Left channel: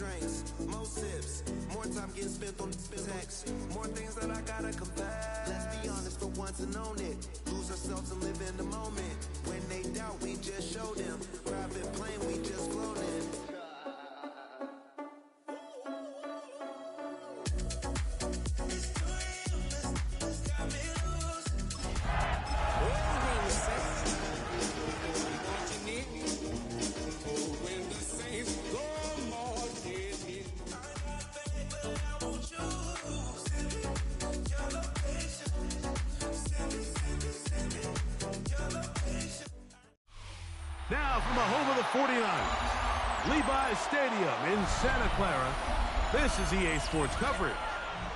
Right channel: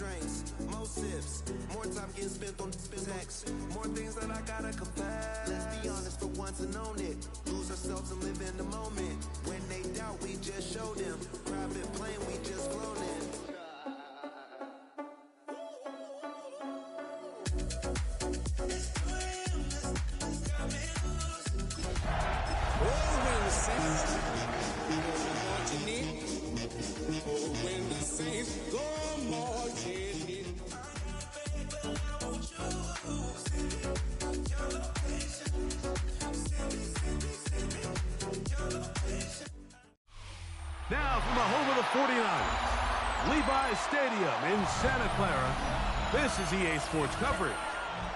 drinks, more sips, more time getting spent on text, more things that I gotta confess. Let's be honest for once and own it. Lose ourselves and live in the moment. When they doubt, we just show them. Private plane, we just flown in. Now from the home of the 49ers, Levi's Stadium in Santa Clara, this is EA Sports coverage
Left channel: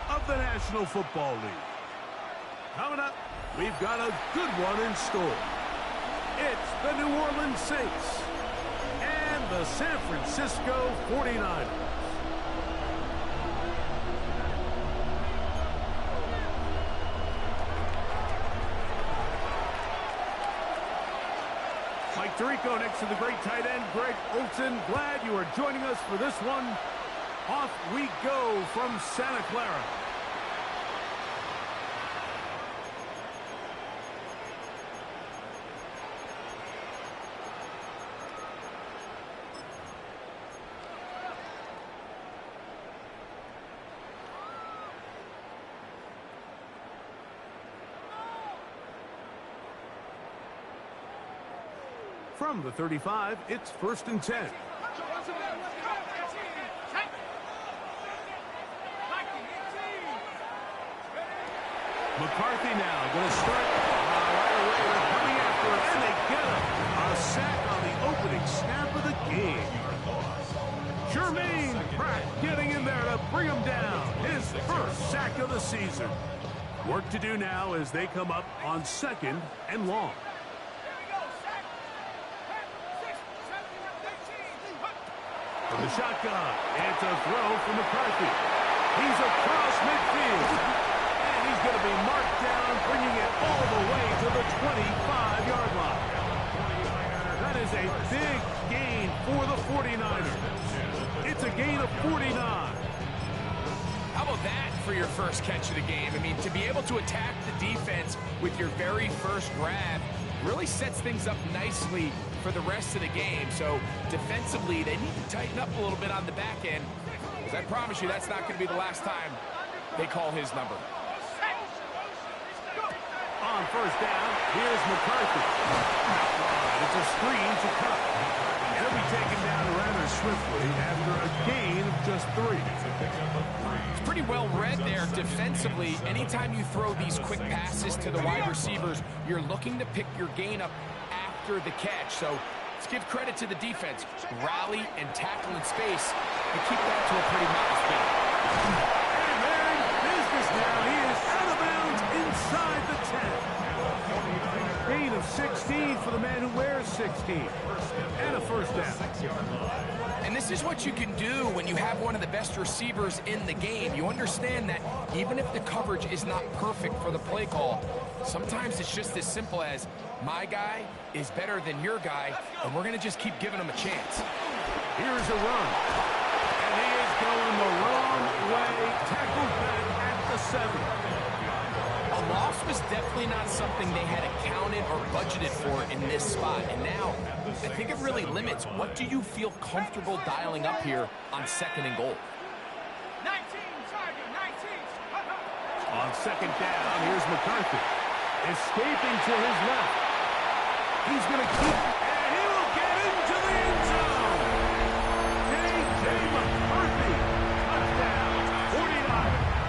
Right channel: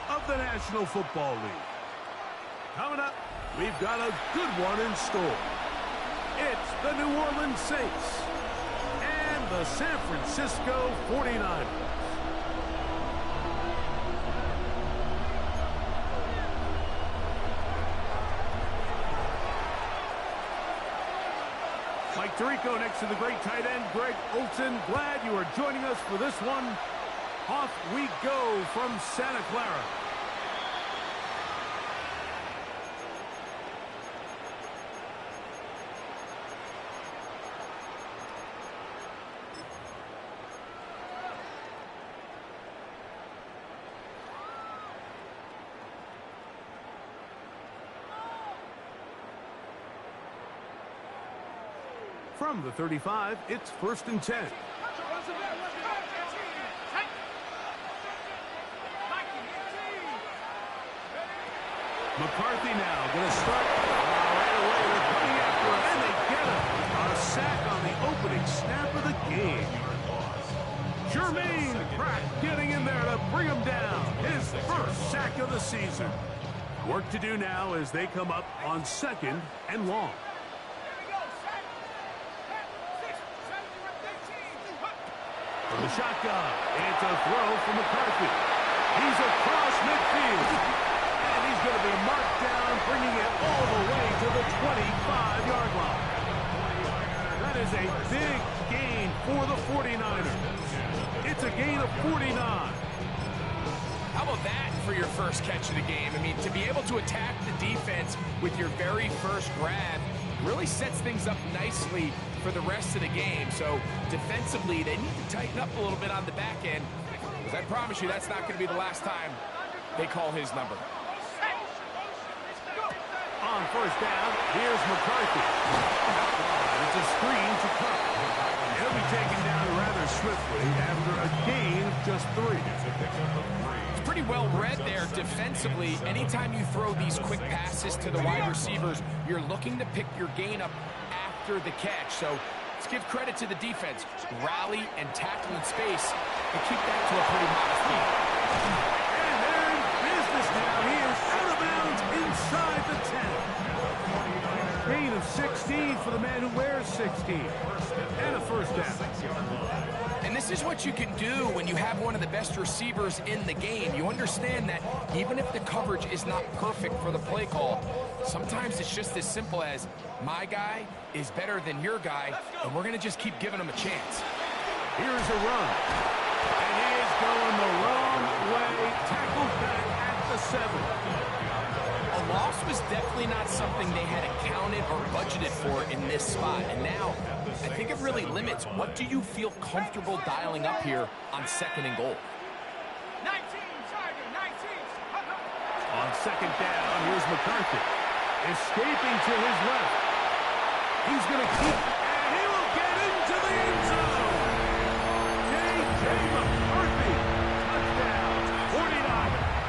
of the National Football League. Coming up, we've got a good one in store. It's the New Orleans Saints and the San Francisco 49ers. Mike Tirico next to the great tight end, Greg Olsen. Glad you are joining us for this one. Off we go from Santa Clara. From the 35, it's 1st and 10. McCarthy now going to start right away. They're coming after him, and they get him. A sack on the opening snap of the game. Jermaine Pratt getting in there to bring him down. His first sack of the season. Work to do now as they come up on 2nd and long. From the shotgun, it's a throw from McCarthy. He's across midfield. And he's going to be marked down, bringing it all the way to the 25-yard line. That is a big gain for the 49ers. It's a gain of 49. How about that for your first catch of the game? I mean, to be able to attack the defense with your very first grab really sets things up nicely for the rest of the game. So defensively, they need to tighten up a little bit on the back end. Because I promise you, that's not going to be the last time they call his number. On 1st down, here's McCarthy. It's a screen to Cup. He'll be taken down rather swiftly after a gain of just 3. It's pretty well read there defensively. Anytime you throw these quick passes to the wide receivers, you're looking to pick your gain up after the catch. So let's give credit to the defense. Rally and tackle in space and keep that to a pretty modest gain. And they're in business now. He is out of bounds inside the 10. Gain of 16 for the man who wears 16. And a 1st down. And this is what you can do when you have one of the best receivers in the game. You understand that even if the coverage is not perfect for the play call, sometimes it's just as simple as my guy is better than your guy, and we're going to just keep giving him a chance. Here's a run. And he is going the wrong way. Tackled back at the 7. A loss was definitely not something they had accounted or budgeted for in this spot. And now, I think it really limits what do you feel comfortable dialing up here on 2nd and goal. 19, Tiger, 19. On 2nd down, here's McCarthy. Escaping to his left. He's going to keep, and he will get into the end zone. J.J. McCarthy. Touchdown, 49ers.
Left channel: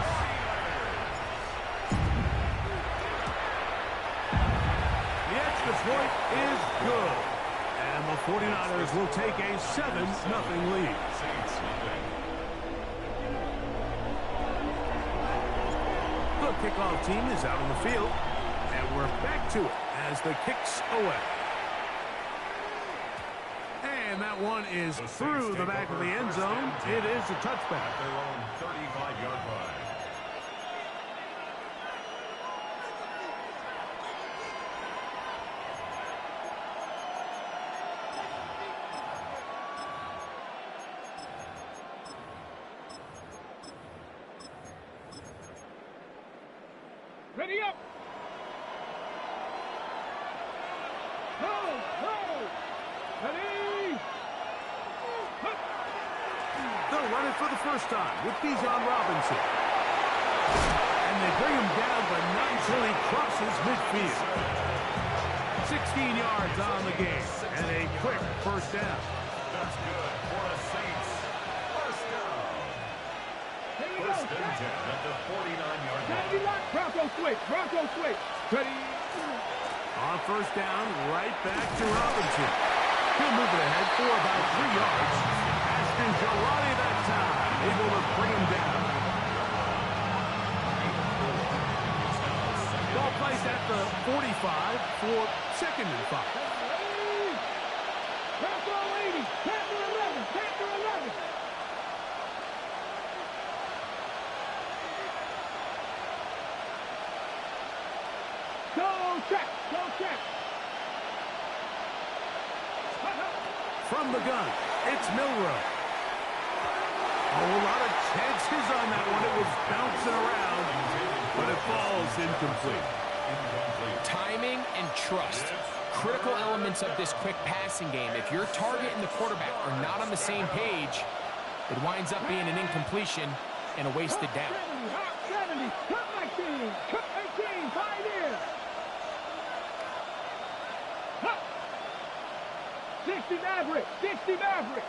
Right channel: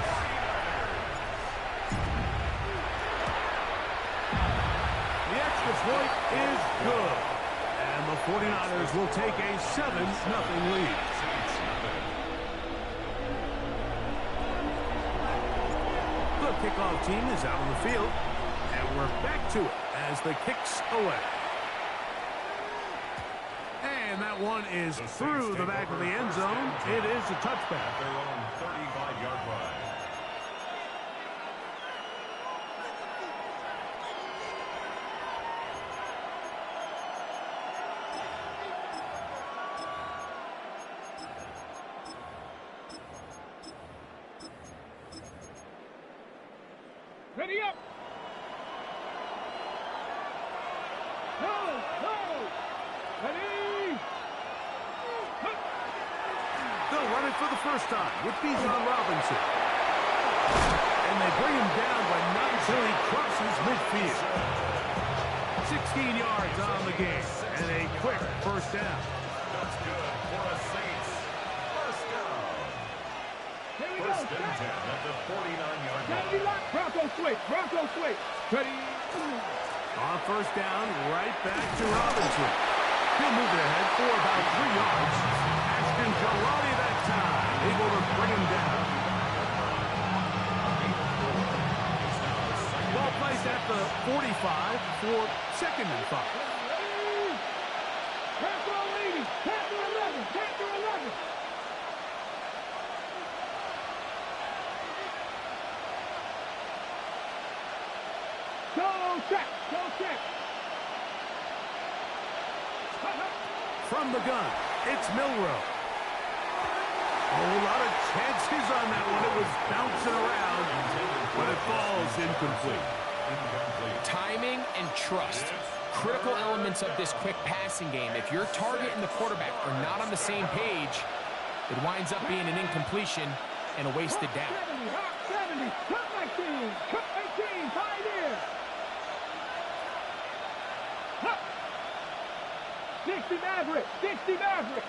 The extra point is good. And the 49ers will take a 7-0 lead. The kickoff team is out on the field. And we're back to it as the kick's away. And that one is through the back of the end zone. It is a touchback. Their own 35-yard line. Ready up. No. Ready. They'll run it for the first time with Bijan Robinson. And they bring him down, but not until he crosses midfield. 16 yards on the game, and a quick first down. That's good for a Saints. First down. Here we First go. and 10 at the 49-yard Gotta be line. locked. Bronco switch. Ready. On first down, right back to Robinson. He'll move it ahead for about 3 yards. Ashton Jalali that time, able to bring him down. Ball placed at the 45 for 2nd and 5. Bronco 80. Panther 11. Go check. From the gun, it's Milroe. A whole lot of chances on that one. It was bouncing around, but it falls incomplete. Timing and trust. Critical elements of this quick passing game. If your target and the quarterback are not on the same page, it winds up being an incompletion and a wasted down. 70. Cut 19. Cut 18. Pioneer. 60 Maverick.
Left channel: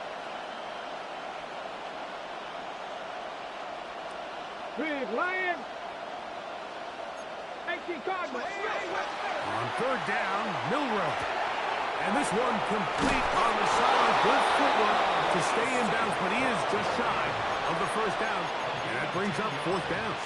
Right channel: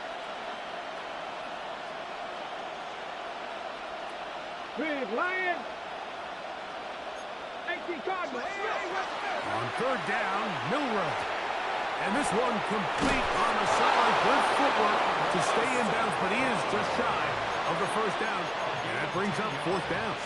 Big Lion. 18 Cardinal. On third down, Milroe. And this one complete on the sideline. Good footwork to stay in bounds, but he is just shy of the first down. And that brings up 4th down.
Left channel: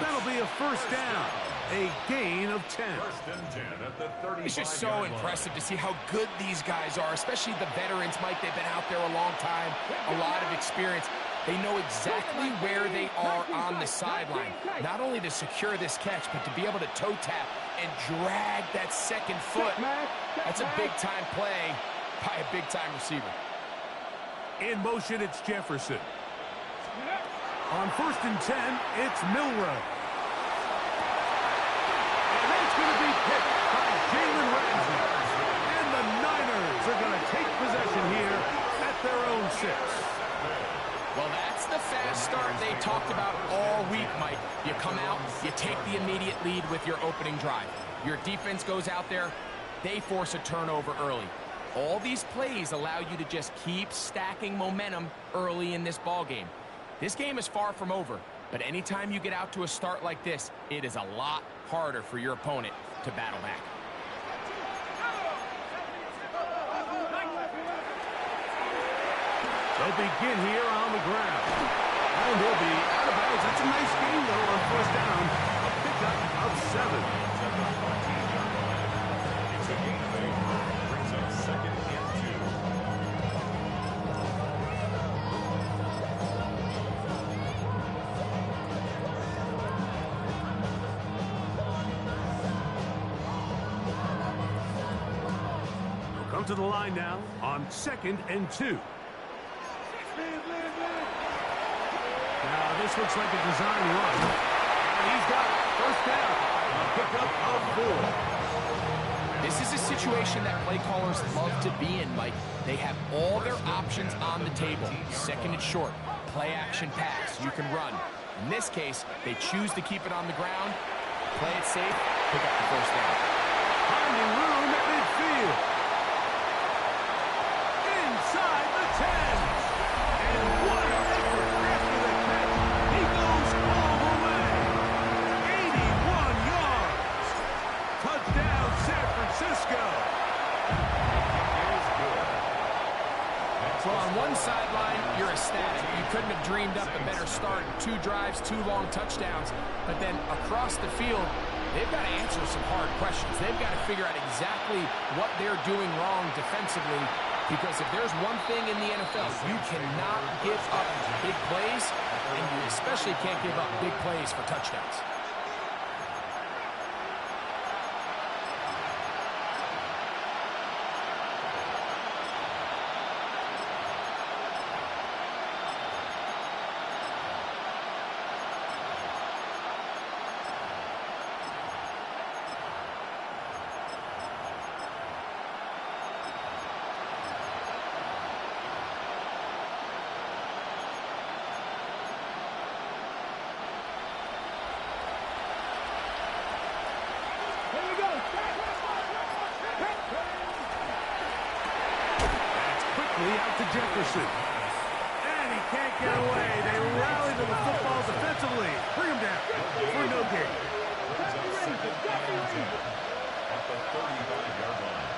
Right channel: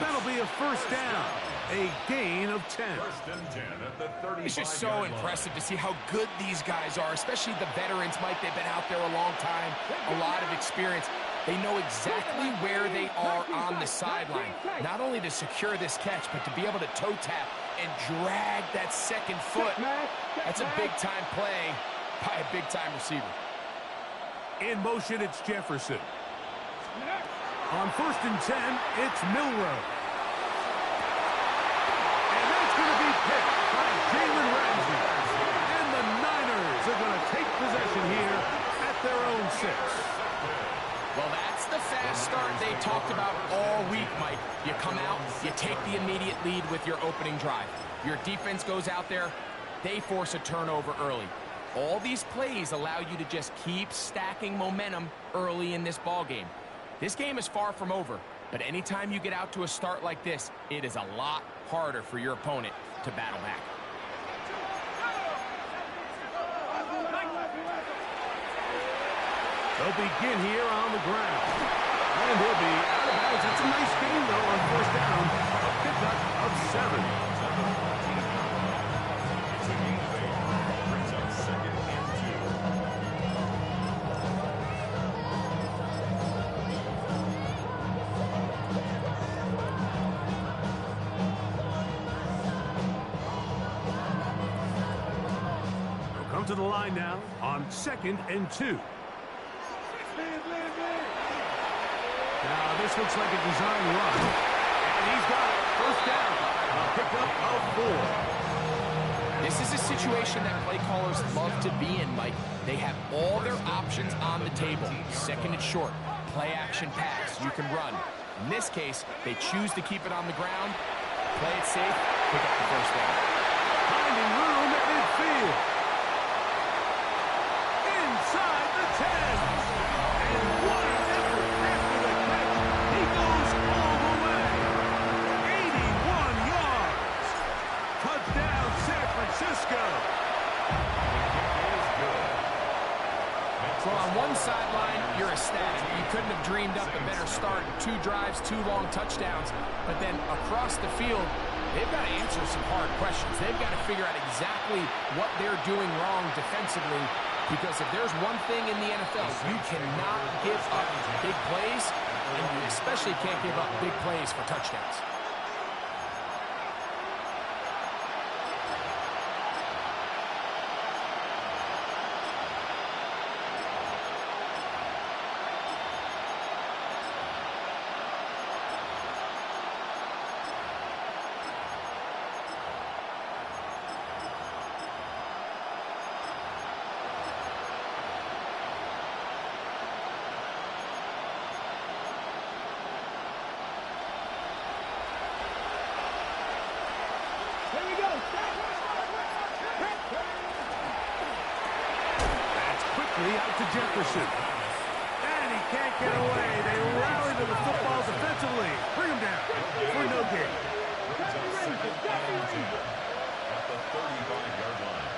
That'll be a first down. A gain of 10. First and 10 at the 35-yard line. It's just so impressive to see how good these guys are, especially the veterans. Mike, they've been out there a long time, a lot of experience. They know exactly where they are on the sideline, not only to secure this catch, but to be able to toe tap and drag that second foot. That's a big-time play by a big-time receiver. In motion, it's Jefferson. On first and 10, it's Milroe. And that's going to be picked by Jalen Ramsey. And the Niners are going to take possession here at their own 6. Well, that's the fast start they talked about all week, Mike. You come out, you take the immediate lead with your opening drive. Your defense goes out there, they force a turnover early. All these plays allow you to just keep stacking momentum early in this ball game. This game is far from over, but anytime you get out to a start like this, it is a lot harder for your opponent to battle back. They'll begin here on the ground. And he'll be out of bounds. That's a nice gain, though, on first down. A pickup of 7. It's a gain of 8. Brings up 2nd and 2. They'll come to the line now on 2nd and 2. Now, this looks like a design run. And he's got it. First down. A pickup of 4. This is a situation that play callers love to be in, Mike. They have all their options on the table. 2nd and short, play action pass, you can run. In this case, they choose to keep it on the ground, play it safe, pick up the first down. Finding room at midfield. Inside the 10. And what an effort after the catch. He goes all the way. 81 yards. Touchdown, San Francisco. Well, on one sideline, you're ecstatic. You couldn't have dreamed up a better start. 2 drives, 2 long touchdowns. But then across the field, they've got to answer some hard questions. They've got to figure out exactly what they're doing wrong defensively. Because if there's one thing in the NFL, you cannot give up big plays, and you especially can't give up big plays for touchdowns. quickly out to Jefferson. And he can't get away. They rally to the football defensively. Bring him down for no gain. At the 35-yard line.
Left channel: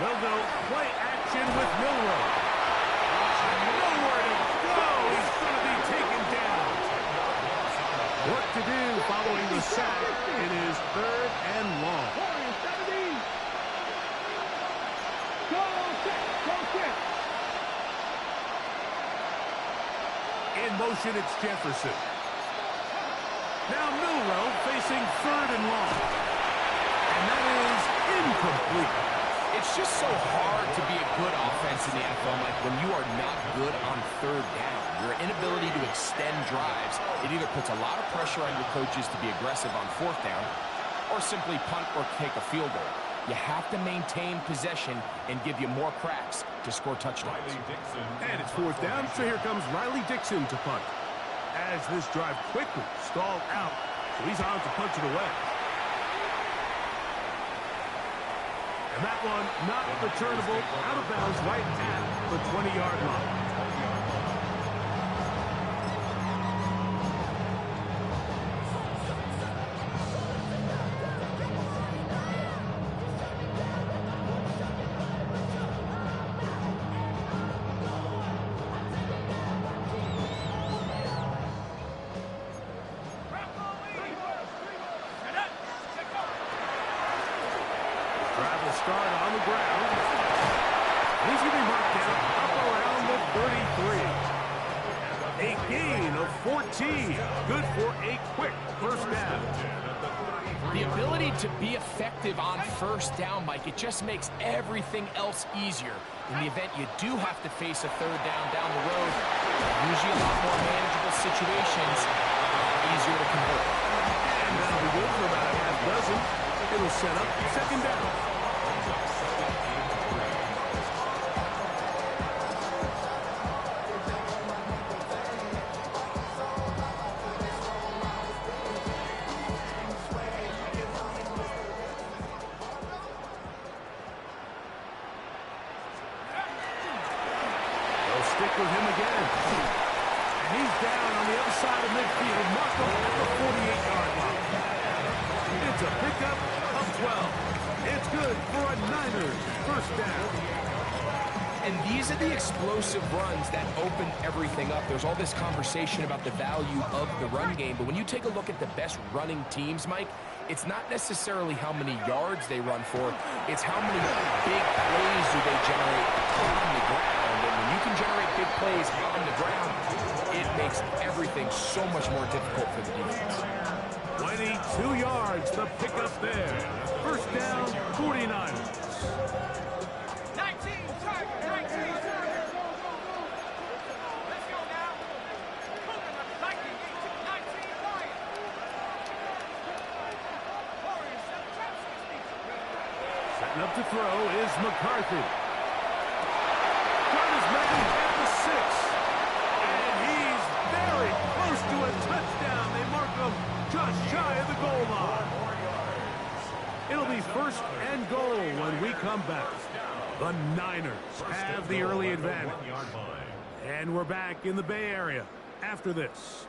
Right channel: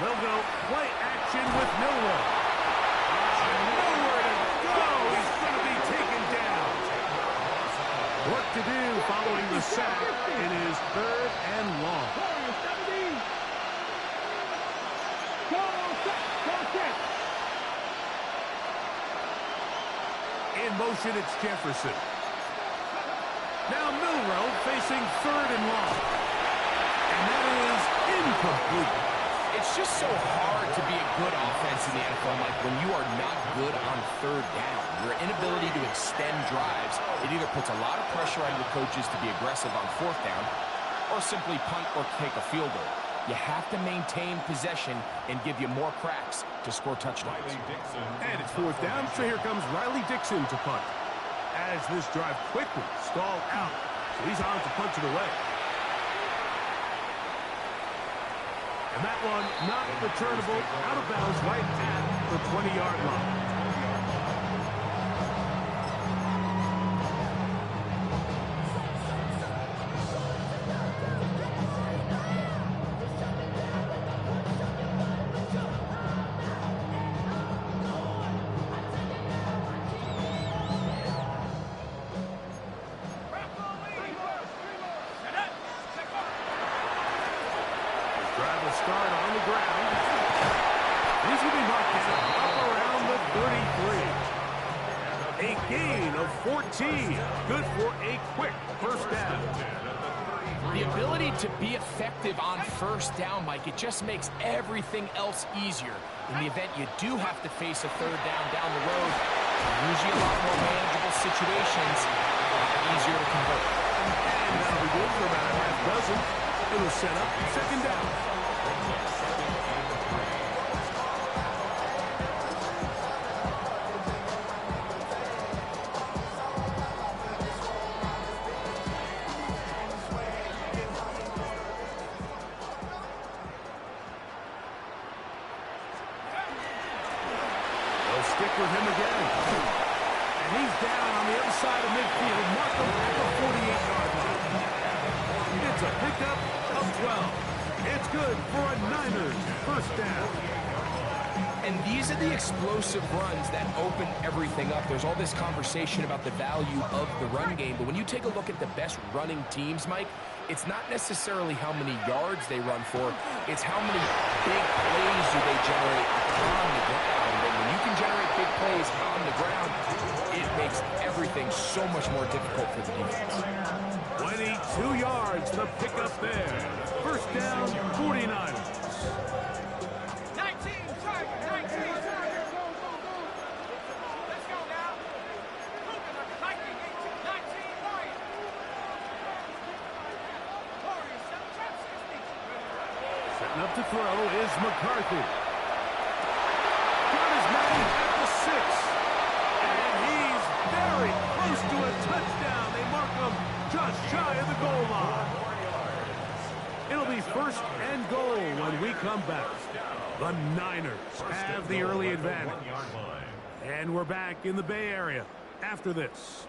They'll go play action with Milroe. Nowhere to go. He's going to be taken down. Work to do following the sack. It is 3rd and long. Go set. In motion, it's Jefferson. Now Milroe facing 3rd and long. And that is incomplete. It's just so hard to be a good offense in the NFL, Mike, when you are not good on 3rd down. Your inability to extend drives, it either puts a lot of pressure on your coaches to be aggressive on 4th down or simply punt or take a field goal. You have to maintain possession and give you more cracks to score touchdowns. And it's 4th down, so here comes Riley Dixon to punt. As this drive quickly stalled out, so he's on to punch it away. And that one not returnable, out of bounds right at the 20-yard line. Drive will start on the ground. He's going to be marked down up around the 33. A gain of 14. Good for a quick 1st down. The ability to be effective on 1st down, Mike, it just makes everything else easier. In the event you do have to face a 3rd down the road, usually a lot more manageable situations, easier to convert. And that'll be good for about a half dozen. It'll set up 2nd down. They'll stick with him again. And he's down on the other side of midfield. Markham at the 48-yard line. It's a pickup of 12. It's good for a Niners 1st down. And these are the explosive runs that open everything up. There's all this conversation about the value of the run game, but when you take a look at the best running teams, Mike, it's not necessarily how many yards they run for, it's how many big plays do they generate on the ground. And when you can generate big plays on the ground, it makes everything so much more difficult for the defense. 22 yards, the pickup there. 1st down, 49ers. 19, Tiger, 19. Let's go now. Coconut, 19, 19, Lion. Warriors, 7 trap, 60. Setting up to throw is McCarthy. Got his man at the 6. And he's very close to a touchdown. They mark him just shy of the goal line. It'll be 1st and goal when we come back. The Niners have the early advantage. And we're back in the Bay Area after this.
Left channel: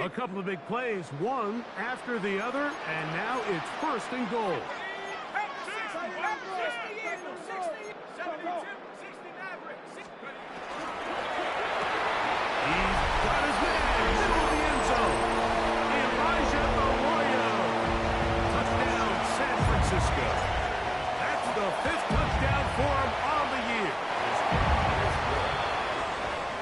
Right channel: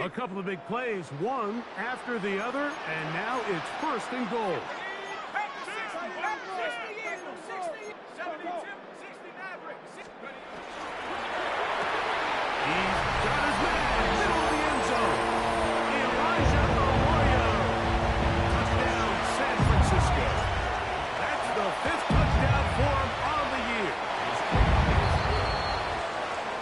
A couple of big plays, one after the other, and now it's 1st and goal. He's got his man in the middle of the end zone. Elijah Arroyo. Touchdown, San Francisco. That's the 5th touchdown for him on the year.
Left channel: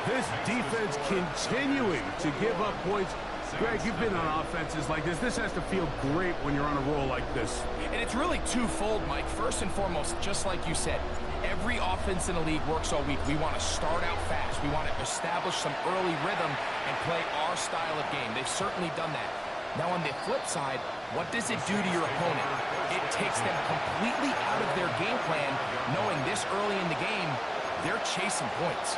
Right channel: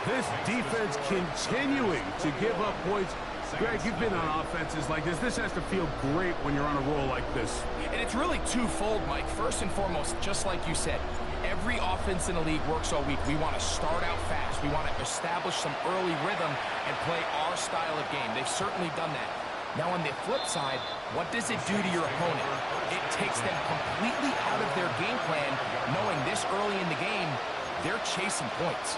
This defense continuing to give up points. Greg, you've been on offenses like this. This has to feel great when you're on a roll like this. And it's really twofold, Mike. First and foremost, just like you said, every offense in the league works all week. We want to start out fast. We want to establish some early rhythm and play our style of game. They've certainly done that. Now on the flip side, what does it do to your opponent? It takes them completely out of their game plan, knowing this early in the game, they're chasing points.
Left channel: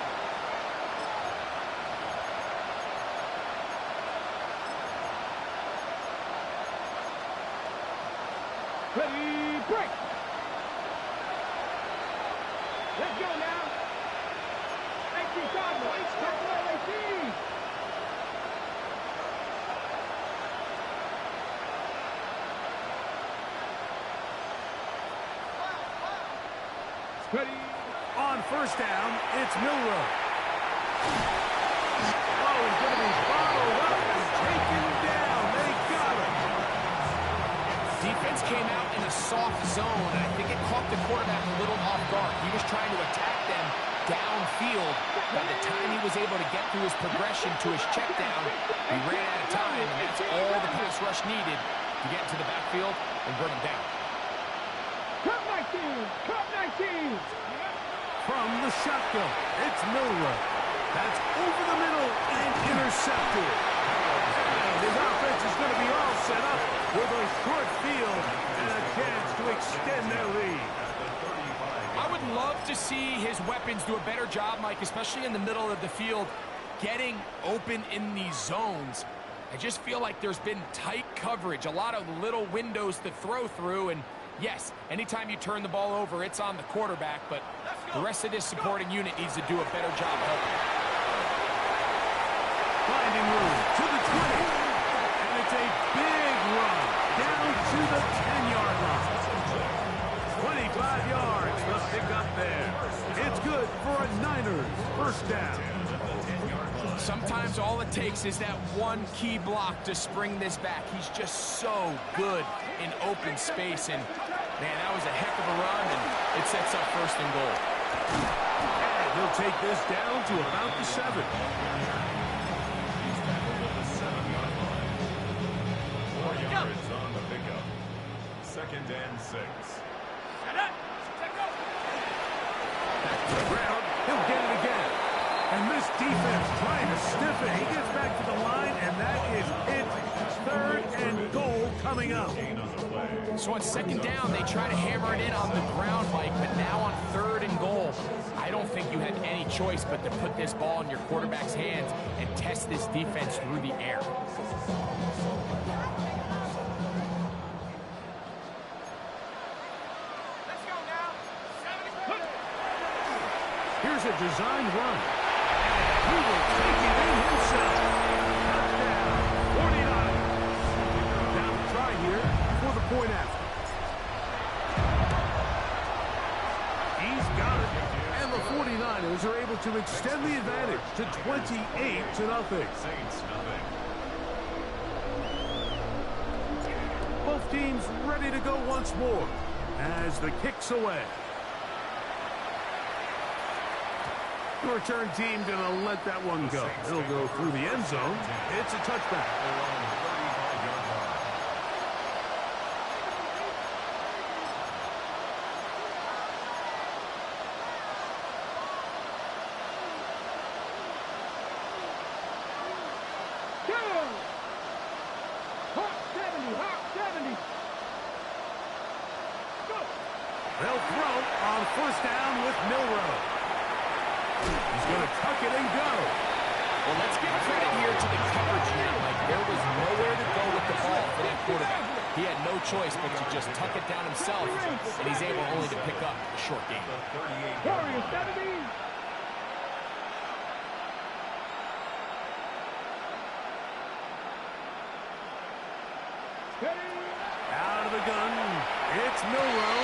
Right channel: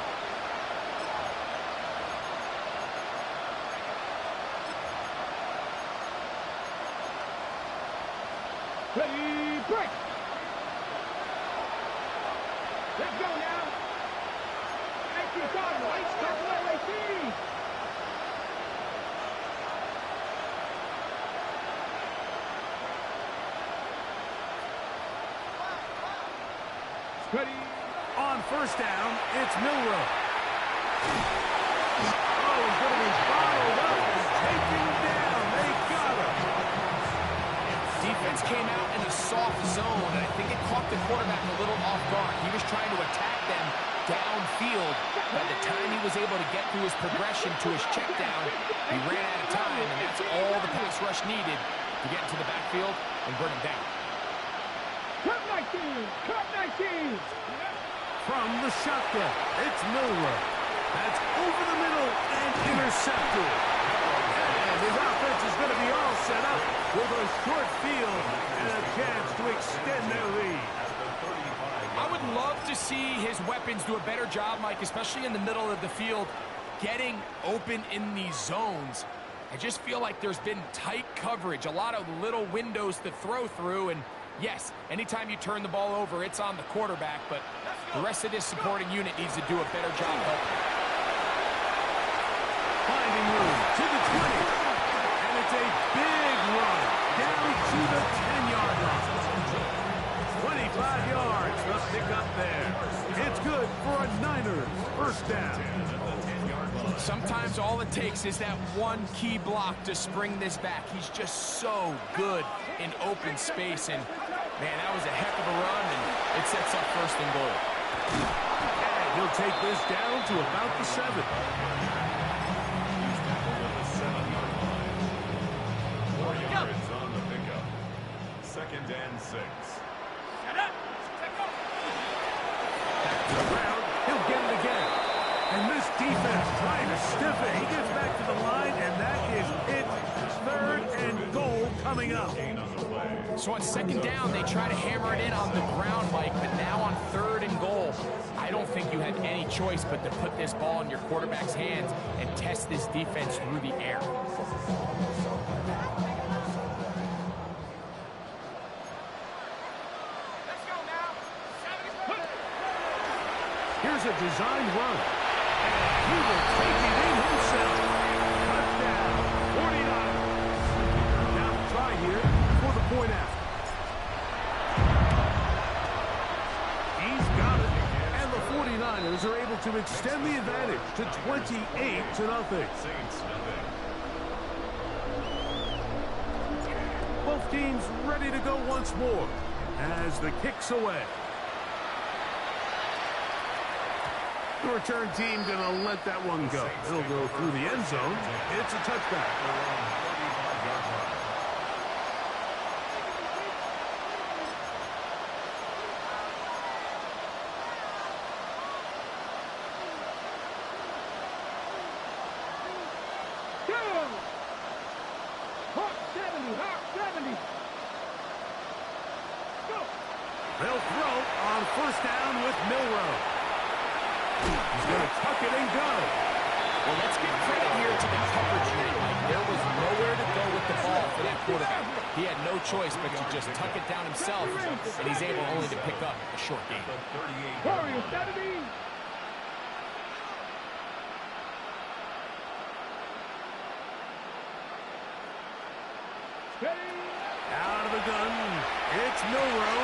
Ready, break! Let's go now! 18 Cardinals, tackle 18! Ready. On first down, it's Milroe. Oh, he's going to be bottled up and taken down. They got him. Defense came out in a soft zone, and I think it caught the quarterback a little off guard. He was trying to attack them downfield. By the time he was able to get through his progression to his check down, he ran out of time, and that's all the pass rush needed to get into the backfield and bring him down. Cut 19! Cut 19! From the shotgun, it's Milroe. That's over the middle and intercepted. And his offense is going to be all set up with a short field and a chance to extend their lead. I would love to see his weapons do a better job, Mike, especially in the middle of the field, getting open in these zones. I just feel like there's been tight coverage, a lot of little windows to throw through, and yes, anytime you turn the ball over, it's on the quarterback, but the rest of this supporting unit needs to do a better job helping. Finding room to the 20. And it's a big run down to the 10-yard line. 25 yards to pick up there. It's good for a Niners first down. Sometimes all it takes is that one key block to spring this back. He's just so good in open space, and man, that was a heck of a run, and it sets up first and goal. And he'll take this down to about the 7. He's tackled at the 7-yard line. 4 yards on the pickup. 2nd and 6. Shut up! Check go! Back to the ground. He'll get it again. And this defense trying to stiff it. He gets back to the line, and that is it. 3rd and goal coming up. So on 2nd down, they try to hammer it in on the ground, Mike, but now on 3rd and goal, I don't think you had any choice but to put this ball in your quarterback's hands and test this defense through the air. Let's go now! 70. Here's a designed run. And he will take it in himself. Touchdown, 49. Now the try here for the point after. He's got it. And the 49ers are able to extend the advantage to 28-0. Saints, nothing. Both teams ready to go once more as the kick's away. The return team going to let that one go. It'll go through the end zone. It's a touchback. They're on 35-yard line. Down! Hawk 70! Hawk 70! Go! They'll throw on first down with Milroe. He's going to tuck it and go. Well, let's give credit here to the coverage unit, Mike. There was nowhere to go with the ball for that quarterback. He had no choice but to just tuck it down himself, and he's able only to pick up a short gain. The 38-yard Warriors line. 70! Steady! Out of the gun, it's Milroe.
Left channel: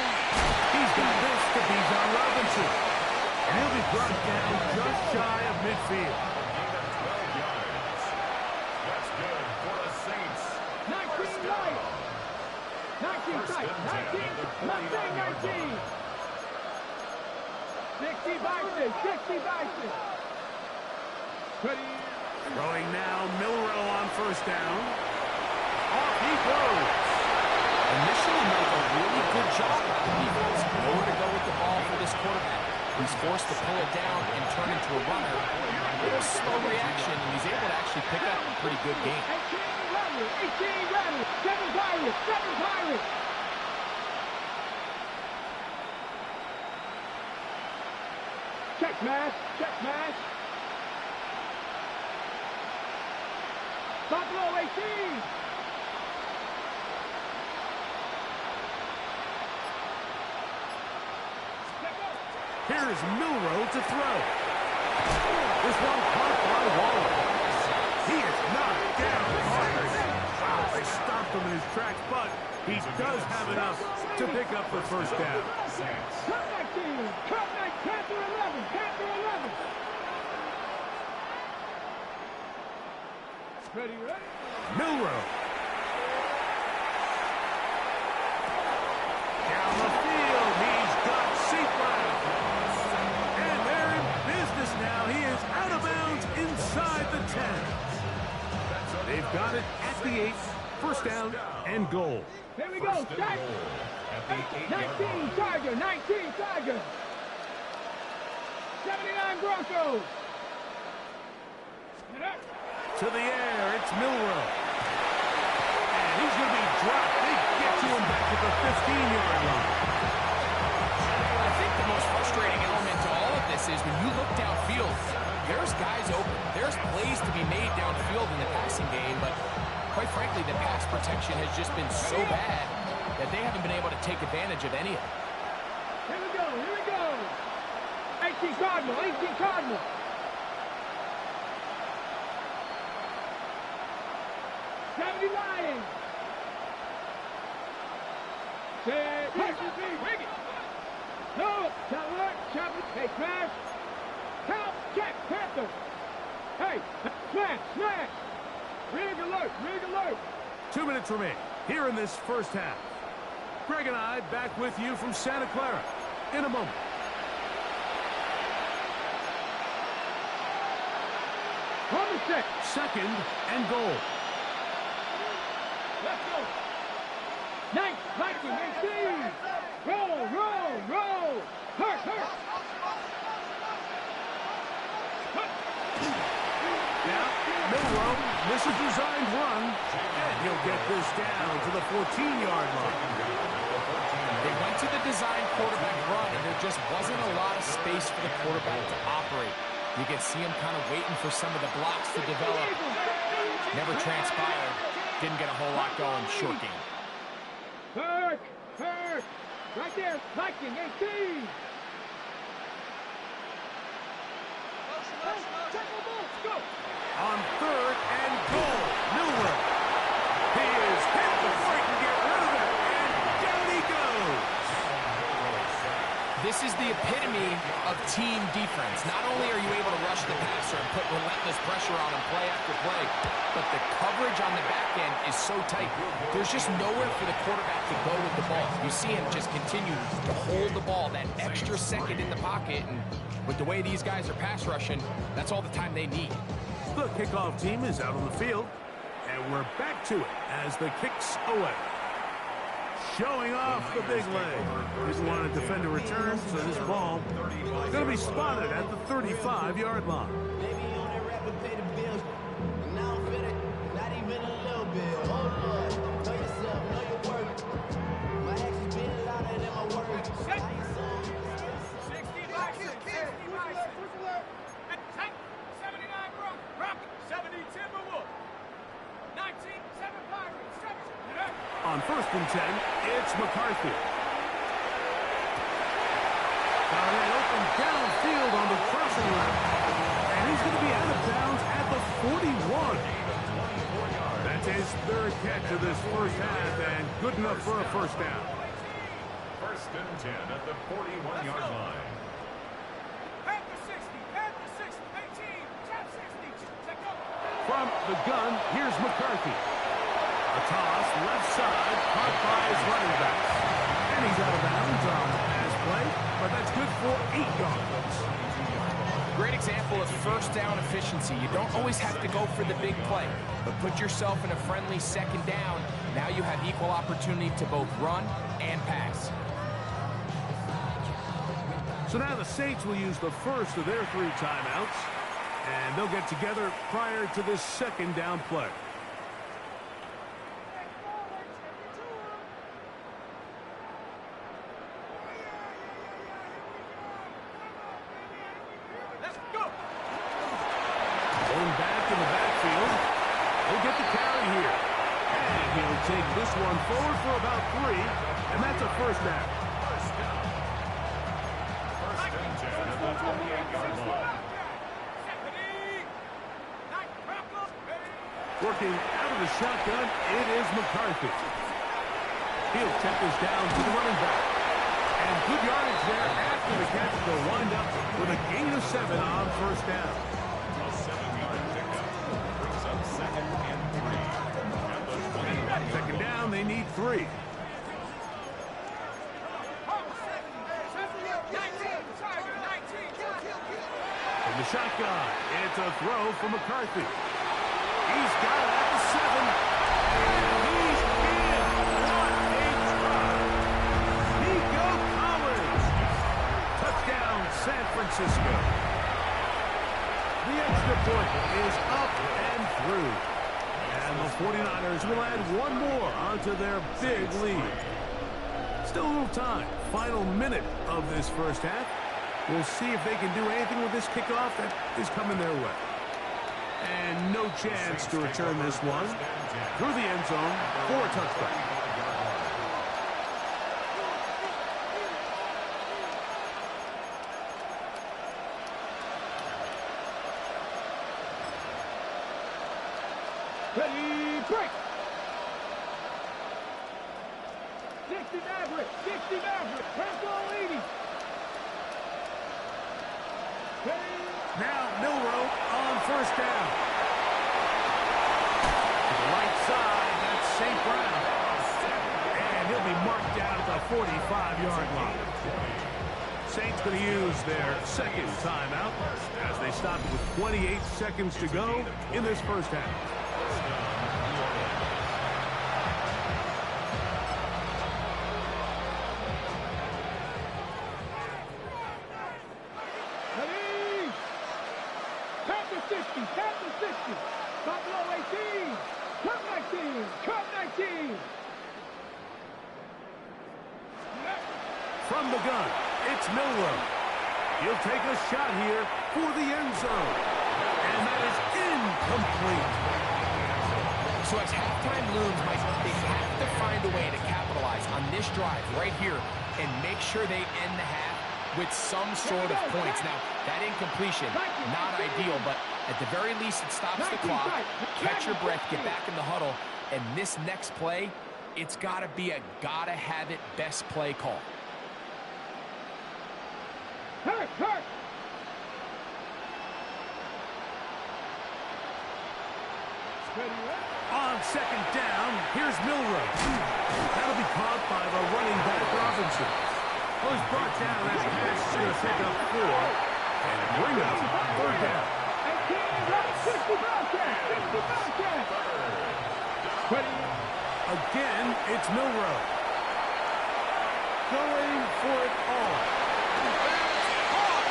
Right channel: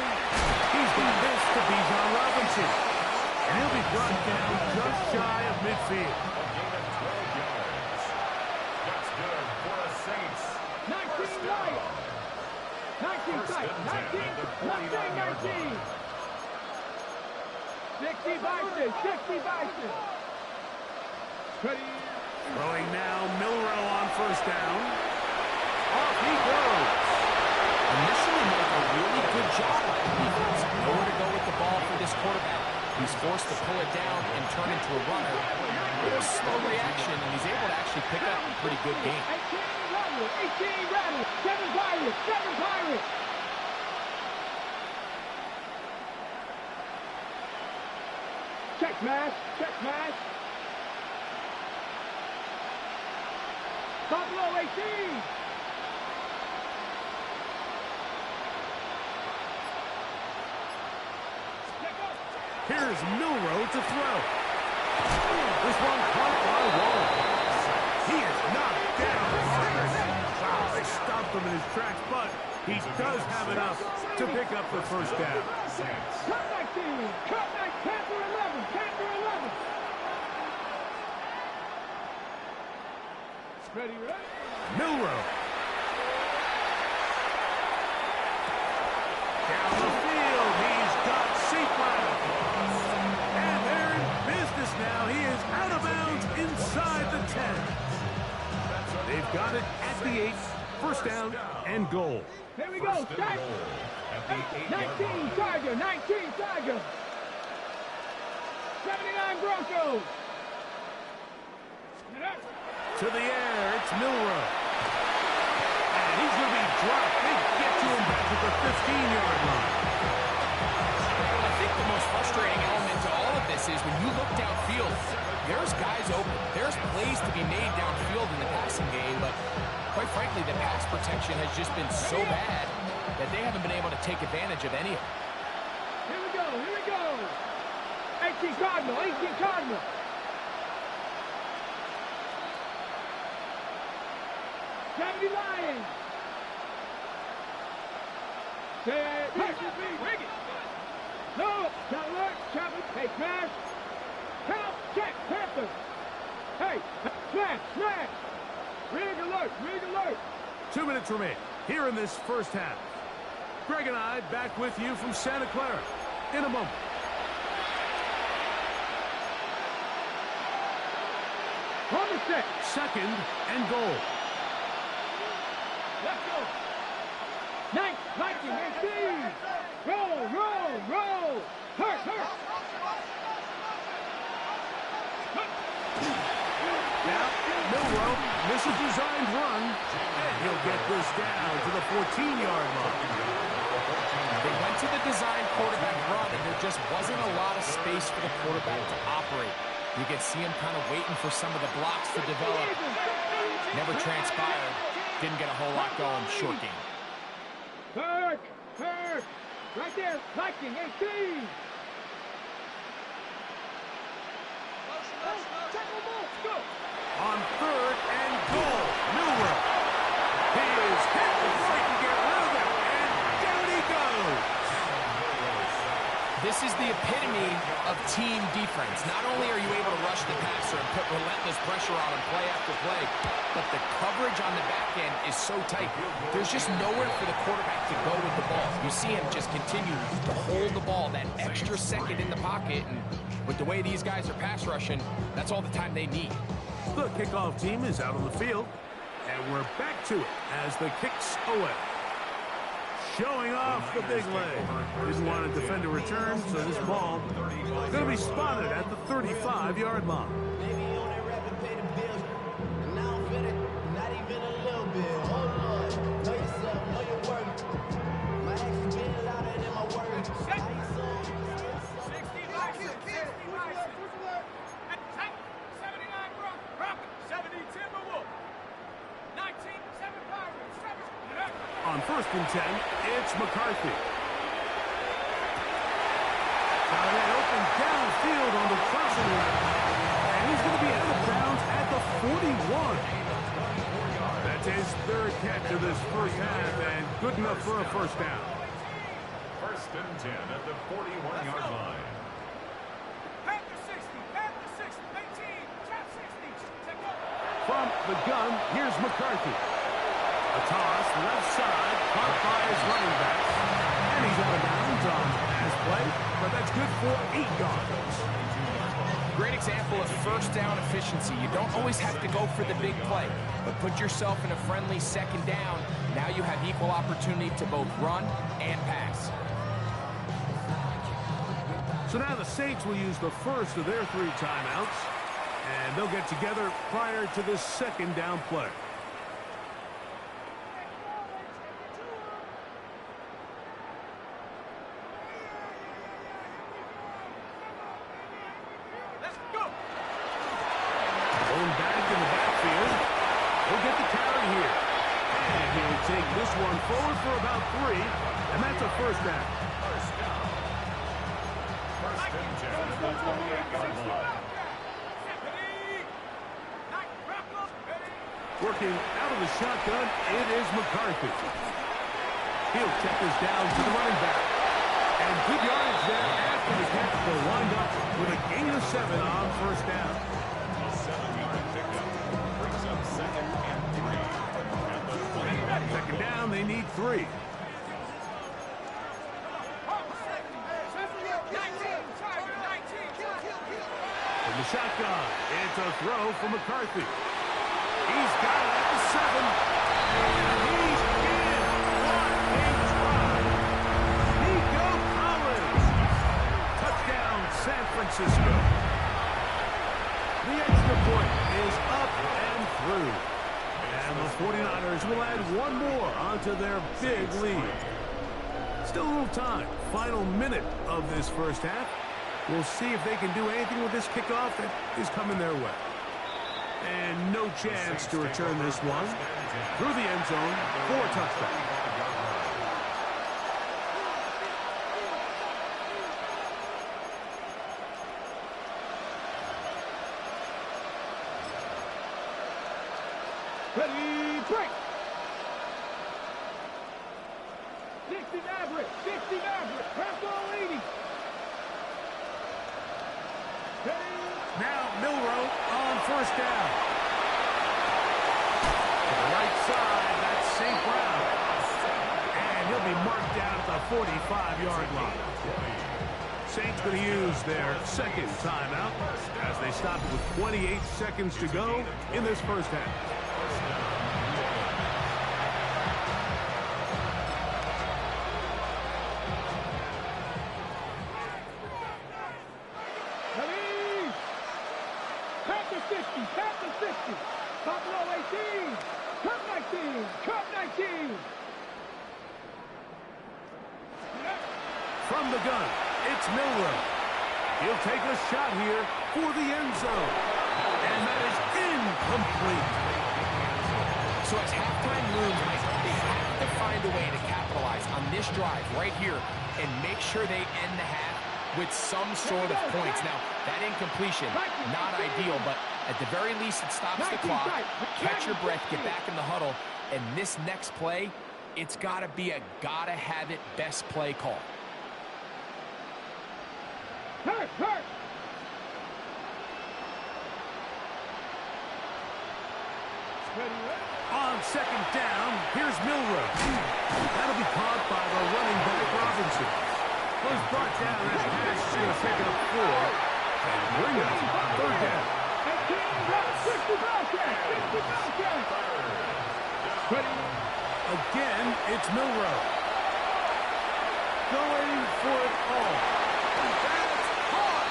He's got this to Bijan Robinson. And he'll be brought down just shy of midfield. A gain of 12 yards. That's good for the Saints. 19 First right! down. 19 First tight! and 10 at the 49-yard 19! line. 60 Bison! 60 Bison! Ready? Throwing now, Milroe on first down. Off he goes. Initially, Mike, a really good job by the defense. Nowhere to go with the ball for this quarterback. He's forced to pull it down and turn into a runner. A little slow reaction, and he's able to actually pick up a pretty good game. 18 run! rattle, 18 rattle, 7 Pirates, 7 Pirates. Check smash, check smash. Buffalo 18. Here's Milroe to throw. This one caught by Waller. He is knocked down hard. Wow, they stopped him in his tracks, but he does have enough to pick up the first down. Cut 19, cut 19, Panther 11, Panther 11. Ready, ready? Milroe. Down the field, he's got Seatland. And they're in business now. He is out of bounds inside the 10. They've got it at the 8. First down and goal. Here we go, start. 19 Tiger, 19 Tiger. 79 Broncos. Get up. To the air, it's Milroe. And he's going to be dropped. They get to him back at the 15-yard line. I think the most frustrating element to all of this is when you look downfield, there's guys open. There's plays to be made downfield in the passing game, but quite frankly, the pass protection has just been so bad that they haven't been able to take advantage of any of it. Here we go, here we go. 18 Cardinal, 18 Cardinal. Gravity Lions. Say, rig it. No, Chandler, Chapman, hey, smash. Count, check, Panther. Hey, smash, smash. Rig alert, rig alert. 2 minutes remain here in this first half. Greg and I back with you from Santa Clara in a moment. On the set. Second and goal. Let's go. 19, 18. Roll, roll, roll. Hurt, hurt. Now, Milroe misses designed run, and he'll get this down to the 14-yard line. They went to the design quarterback run, and there just wasn't a lot of space for the quarterback to operate. You can see him kind of waiting for some of the blocks to develop. Never transpired. Didn't get a whole lot going. Short game. Hurt, hurt. Right there, Viking, 18. Go. On third and goal, Milroe. He is hit before he can get rid of it, and down he goes. This is the epitome of team defense. Not only are you able to rush the passer and put relentless pressure on him play after play, but the coverage on the back end is so tight. There's just nowhere for the quarterback to go with the ball. You see him just continue to hold the ball that extra second in the pocket, and with the way these guys are pass rushing, that's all the time they need. The kickoff team is out on the field, and we're back to it as the kicks away. Showing off the big leg. Didn't want to defend a return, so this ball going to be spotted at the 35-yard line. Maybe you on that rapid pay the bills, and now I'm fit it, not even a little bit. Oh Lord, know yourself, know your worth. My actions being louder than my words. How you sold? 60 Bison, 60 Bison. 79 Rocket, 70 Timberwolf. 19, 7 Pirates, 7. On first and 10, it's McCarthy. Got it open downfield on the crossing route. And he's going to be out of bounds at the 41. That's his third catch of this first half, and good enough for a first down. First and 10 at the 41-yard line. Panther 60, Panther 60, 18, Chap 60, check out. From the gun, here's McCarthy. A toss, left side, caught by his running backs. And he's out of bounds on pass play, but that's good for 8 yards. Great example of first down efficiency. You don't always have to go for the big play, but put yourself in a friendly second down. Now you have equal opportunity to both run and pass. So now the Saints will use the first of their 3 timeouts, and they'll get together prior to this second down play. take this one forward for about 3, and that's a first down. First down. First and 10 at the 28-yard line. Working out of the shotgun, it is McCarthy. He'll check this down to the running back. And good yardage there after the catch. They'll wind up with a gain of 7 on first down. A 7-yard pickup brings up 2nd and 3 at the 21-yard line. Second down, they need 3. From the shotgun, it's a throw for McCarthy. He's got it at the 7. And he's in. What a try. Nico Collins. Touchdown, San Francisco. The extra point is up and through. And the 49ers will add one more onto their big lead. Still a little time. Final minute of this first half. We'll see if they can do anything with this kickoff that is coming their way. And no chance to return this one through the end zone for a touchdown. Ready, break! 60 Maverick, 60 Maverick, Rambo 80. Ready? Now Milroe on first down. To the right side, that's St. Brown. And he'll be marked down at the 45-yard line. Saints going to use their second timeout as they stop it with 28 seconds to go in this first half. Ready? Panther 60, Panther 60. Buffalo 18, Cup 19, Cup 19. From the gun, it's Milroe. He'll take a shot here for the end zone. And that is incomplete. So as halftime looms, Mike, they have to find a way to capitalize on this drive right here and make sure they end the half with some sort of points. Now, that incompletion, not ideal, but at the very least, it stops the clock. Catch your breath, get back in the huddle, and this next play, it's got to be a gotta-have-it best play call. Hurt, hurt. On second down, here's Milroe. That'll be caught by the running back Robinson. Was brought down as pass to pick up 4 and bring up third down. 60 Bobcat, 60 Bobcat. Again, it's Milroe. Going for it all. That's hard.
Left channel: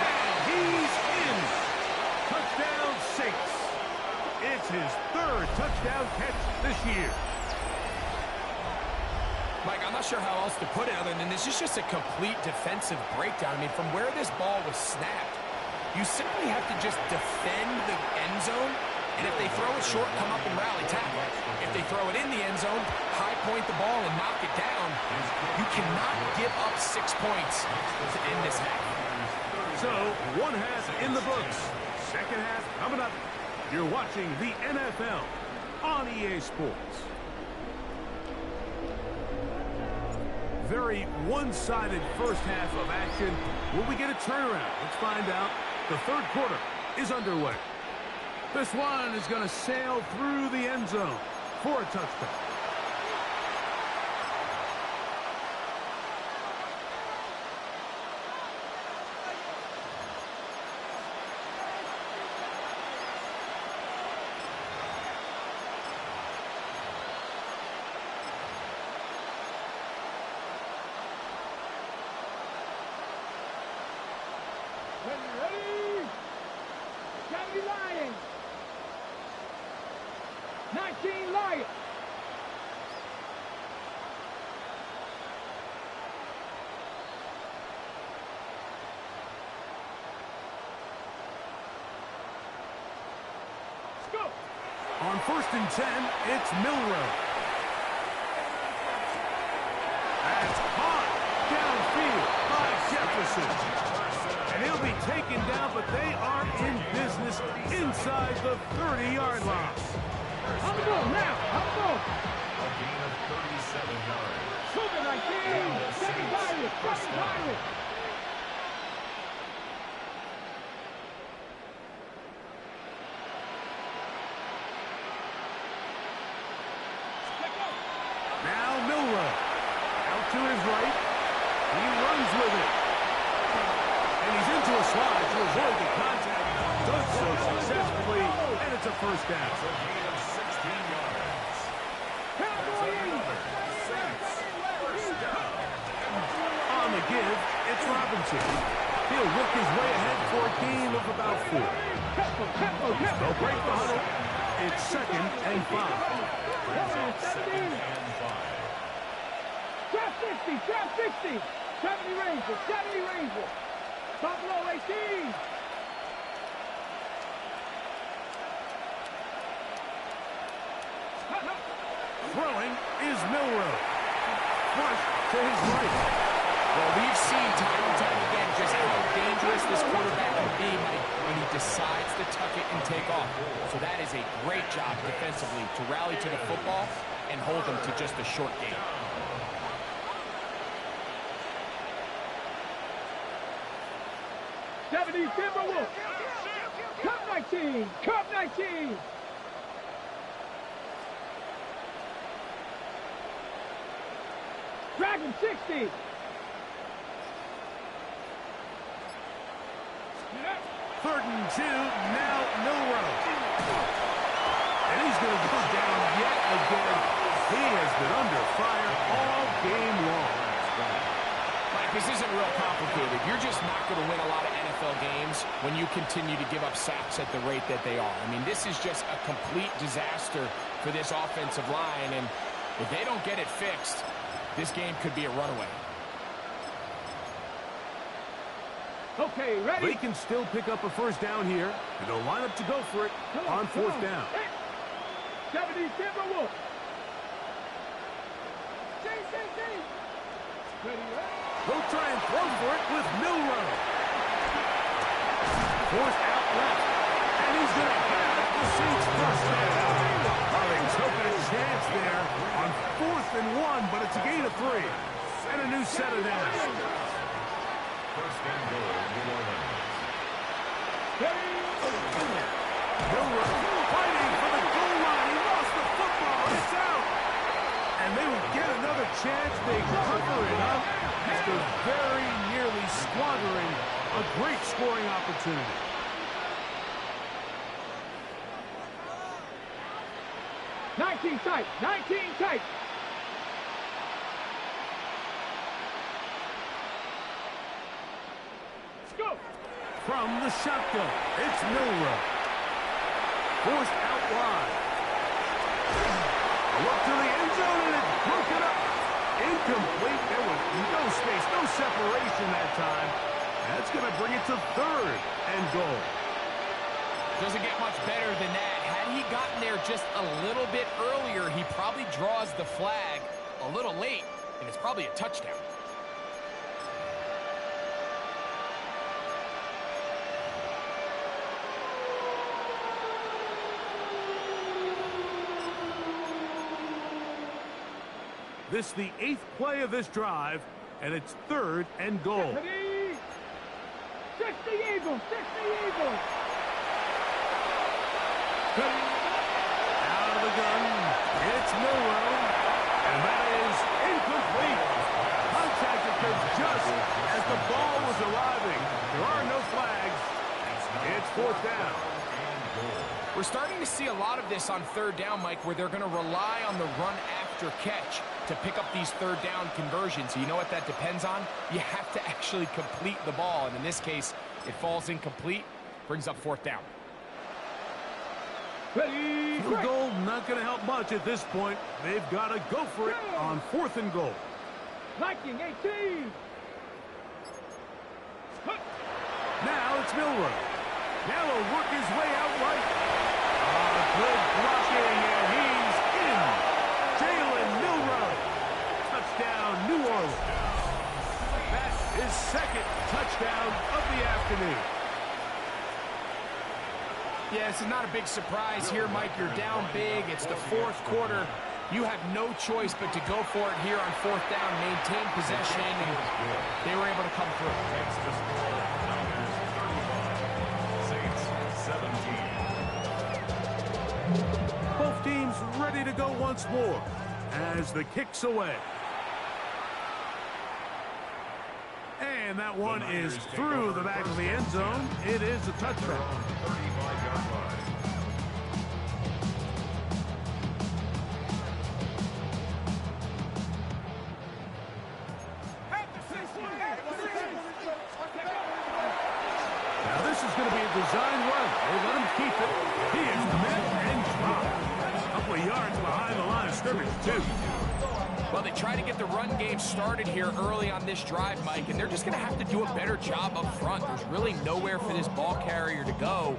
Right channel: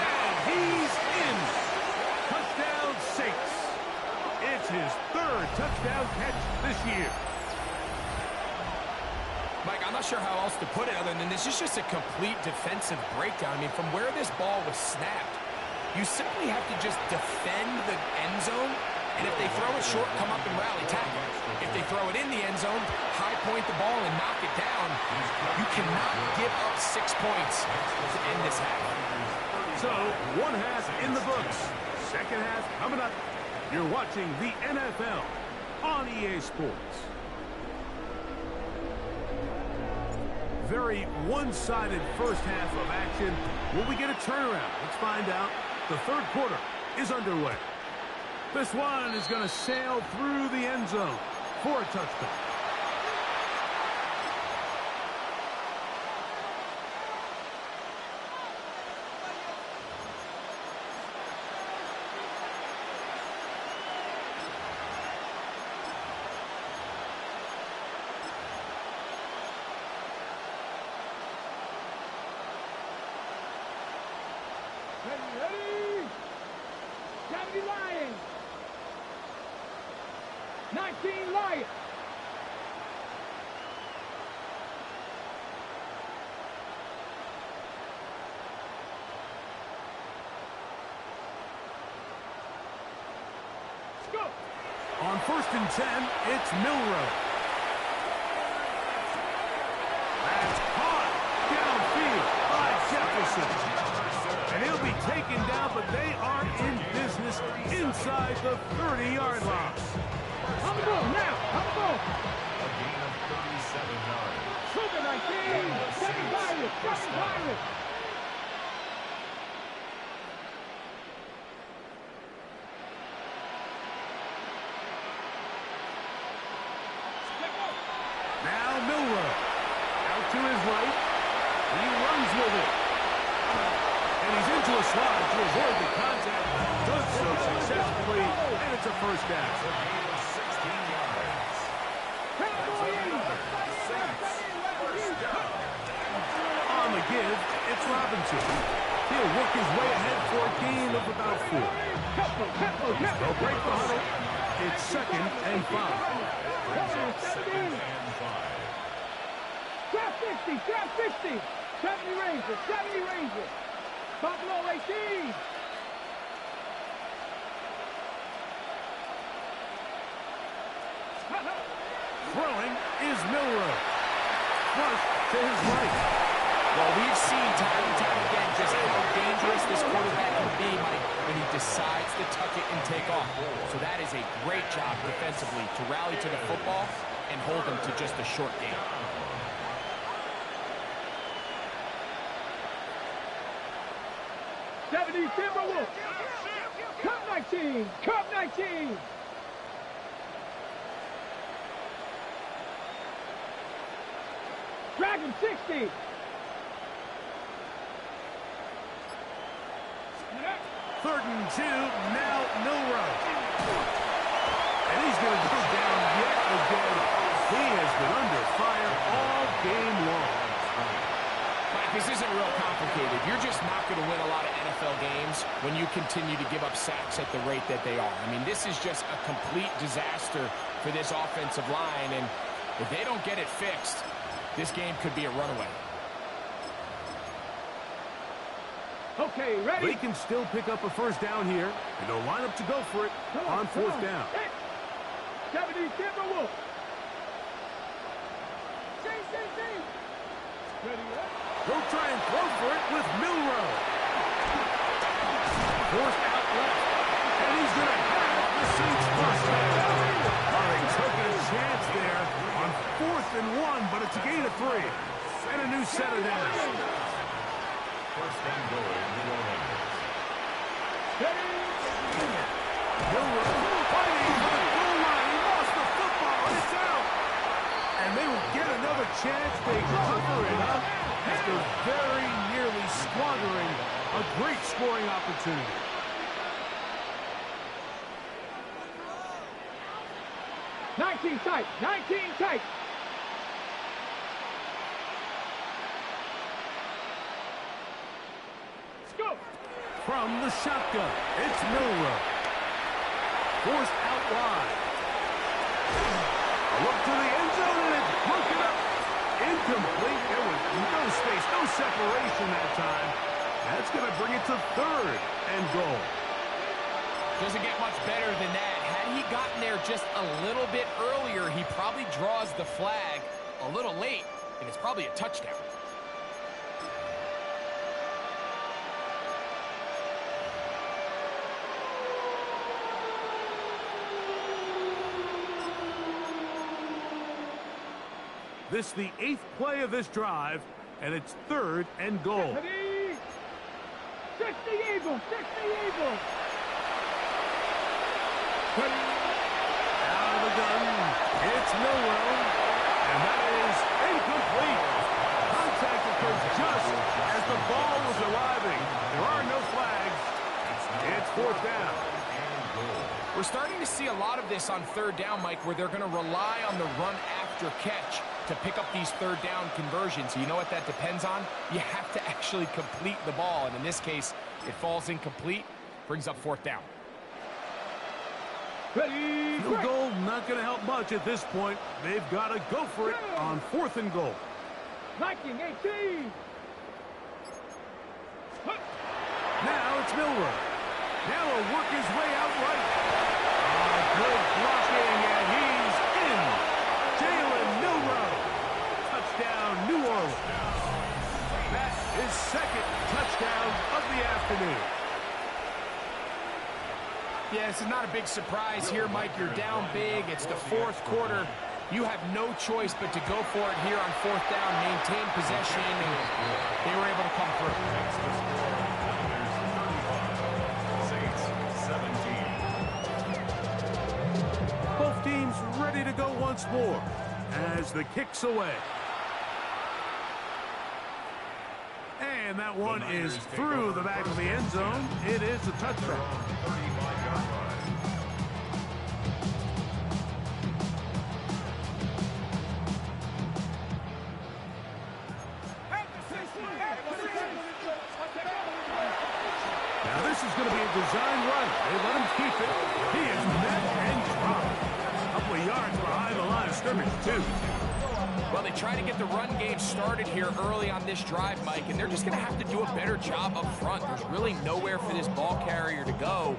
And he's in. Touchdown Saints. It's his 3rd touchdown catch this year. Mike, I'm not sure how else to put it other than this is just a complete defensive breakdown. I mean, from where this ball was snapped, you simply have to just defend the end zone, and if they throw it short, come up and rally tackle. If they throw it in the end zone, high point the ball and knock it down. You cannot give up 6 points to end this half. So, one half in the books. Second half coming up. You're watching the NFL on EA Sports. Very one-sided first half of action. Will we get a turnaround? Let's find out. The third quarter is underway. This one is going to sail through the end zone for a touchdown. Ready? Gotta be Lions. 19 Lions. Let's go. On 1st and 10, it's Milroe. That's caught downfield by Jefferson. And he'll be taken down, but they are in business inside the 30-yard line. On the ball now. On the ball. A gain of 37 yards. Sugar 19. 7 Pirates. 7 Pirates. Now Milroe. Out to his right. He runs with it. And he's into a slide to avoid the contact. Does so successfully, and it's a first down. It's a gain of 16 yards. Another Saints first down. On the give, it's Robinson. He'll work his way ahead for a gain of about 4. They'll break the huddle. It's 2nd and 5. Second and 5. Trap 60. Trap 60. 70 Rangers. 70 Rangers. Buffalo 18. Throwing is Milroe. Flush to his right. Well, we've seen time and time again just how dangerous this quarterback can be, Mike, when he decides to tuck it and take off. So that is a great job defensively to rally to the football and hold them to just a short game. 70 Timberwolves. Cup 19. Cup 19. Dragon 60. Third and 2, now Milroe. And he's going to go down yet again. He has been under fire all game long. Mike, this isn't real complicated. You're just not going to win a lot of NFL games when you continue to give up sacks at the rate that they are. I mean, this is just a complete disaster for this offensive line, and if they don't get it fixed, this game could be a runaway. Okay, ready? They can still pick up a first down here, and they'll line up to go for it on 4th down. 70 Timberwolves. Ready, They'll try and throw for it with Milroe. Forced out left, and he's going to have the Saints first down. They took a chance there on 4th and 1, but it's a gain of 3 and a new set of downs. First and goal, New Orleans. Milroe fighting for the goal line. He lost the football. It's out. And they will get another chance. They cover it up after very nearly squandering a great scoring opportunity. '19 tight. 19 tight. Go. From the shotgun, it's Milroe. Forced out wide. A look to the end zone, and it's broken up. Incomplete. There was no space, no separation that time. That's going to bring it to 3rd and goal. Doesn't get much better than that. Had he gotten there just a little bit earlier, he probably draws the flag a little late, and it's probably a touchdown. This is the 8th play of this drive, and it's 3rd and goal. 60 Eagles. 60 Eagles. Out of the gun, it's Milroe, and that is incomplete. Contact occurs just as the ball was arriving. There are no flags. It's 4th down. We're starting to see a lot of this on 3rd down, Mike, where they're going to rely on the run after catch to pick up these 3rd down conversions. You know what that depends on? You have to actually complete the ball, and in this case, it falls incomplete, brings up 4th down. Ready. Field goal not going to help much at this point. They've got to go for it on 4th and goal. Viking 18. Now it's Milroe. Now he'll work his way out right. Good blocking, and he's in. Jalen Milroe. Touchdown, New Orleans. afternoon. Yeah, this is not a big surprise here, Mike. You're down big. It's the fourth quarter. You have no choice but to go for it here on fourth down, maintain possession, and they were able to come through. Takes the score. Niners 35, Saints 17. Both teams ready to go once more as the kick's away. And that one is through the back of the end zone. It is a touchback. 35-yard line. Now this is going to be a design run. They let him keep it. He is met and dropped. A couple of yards behind the line of scrimmage, too. Well, they try to get the run game started here early on this drive, Mike, and they're just going to have to do a better job up front. There's really nowhere for this ball carrier to go.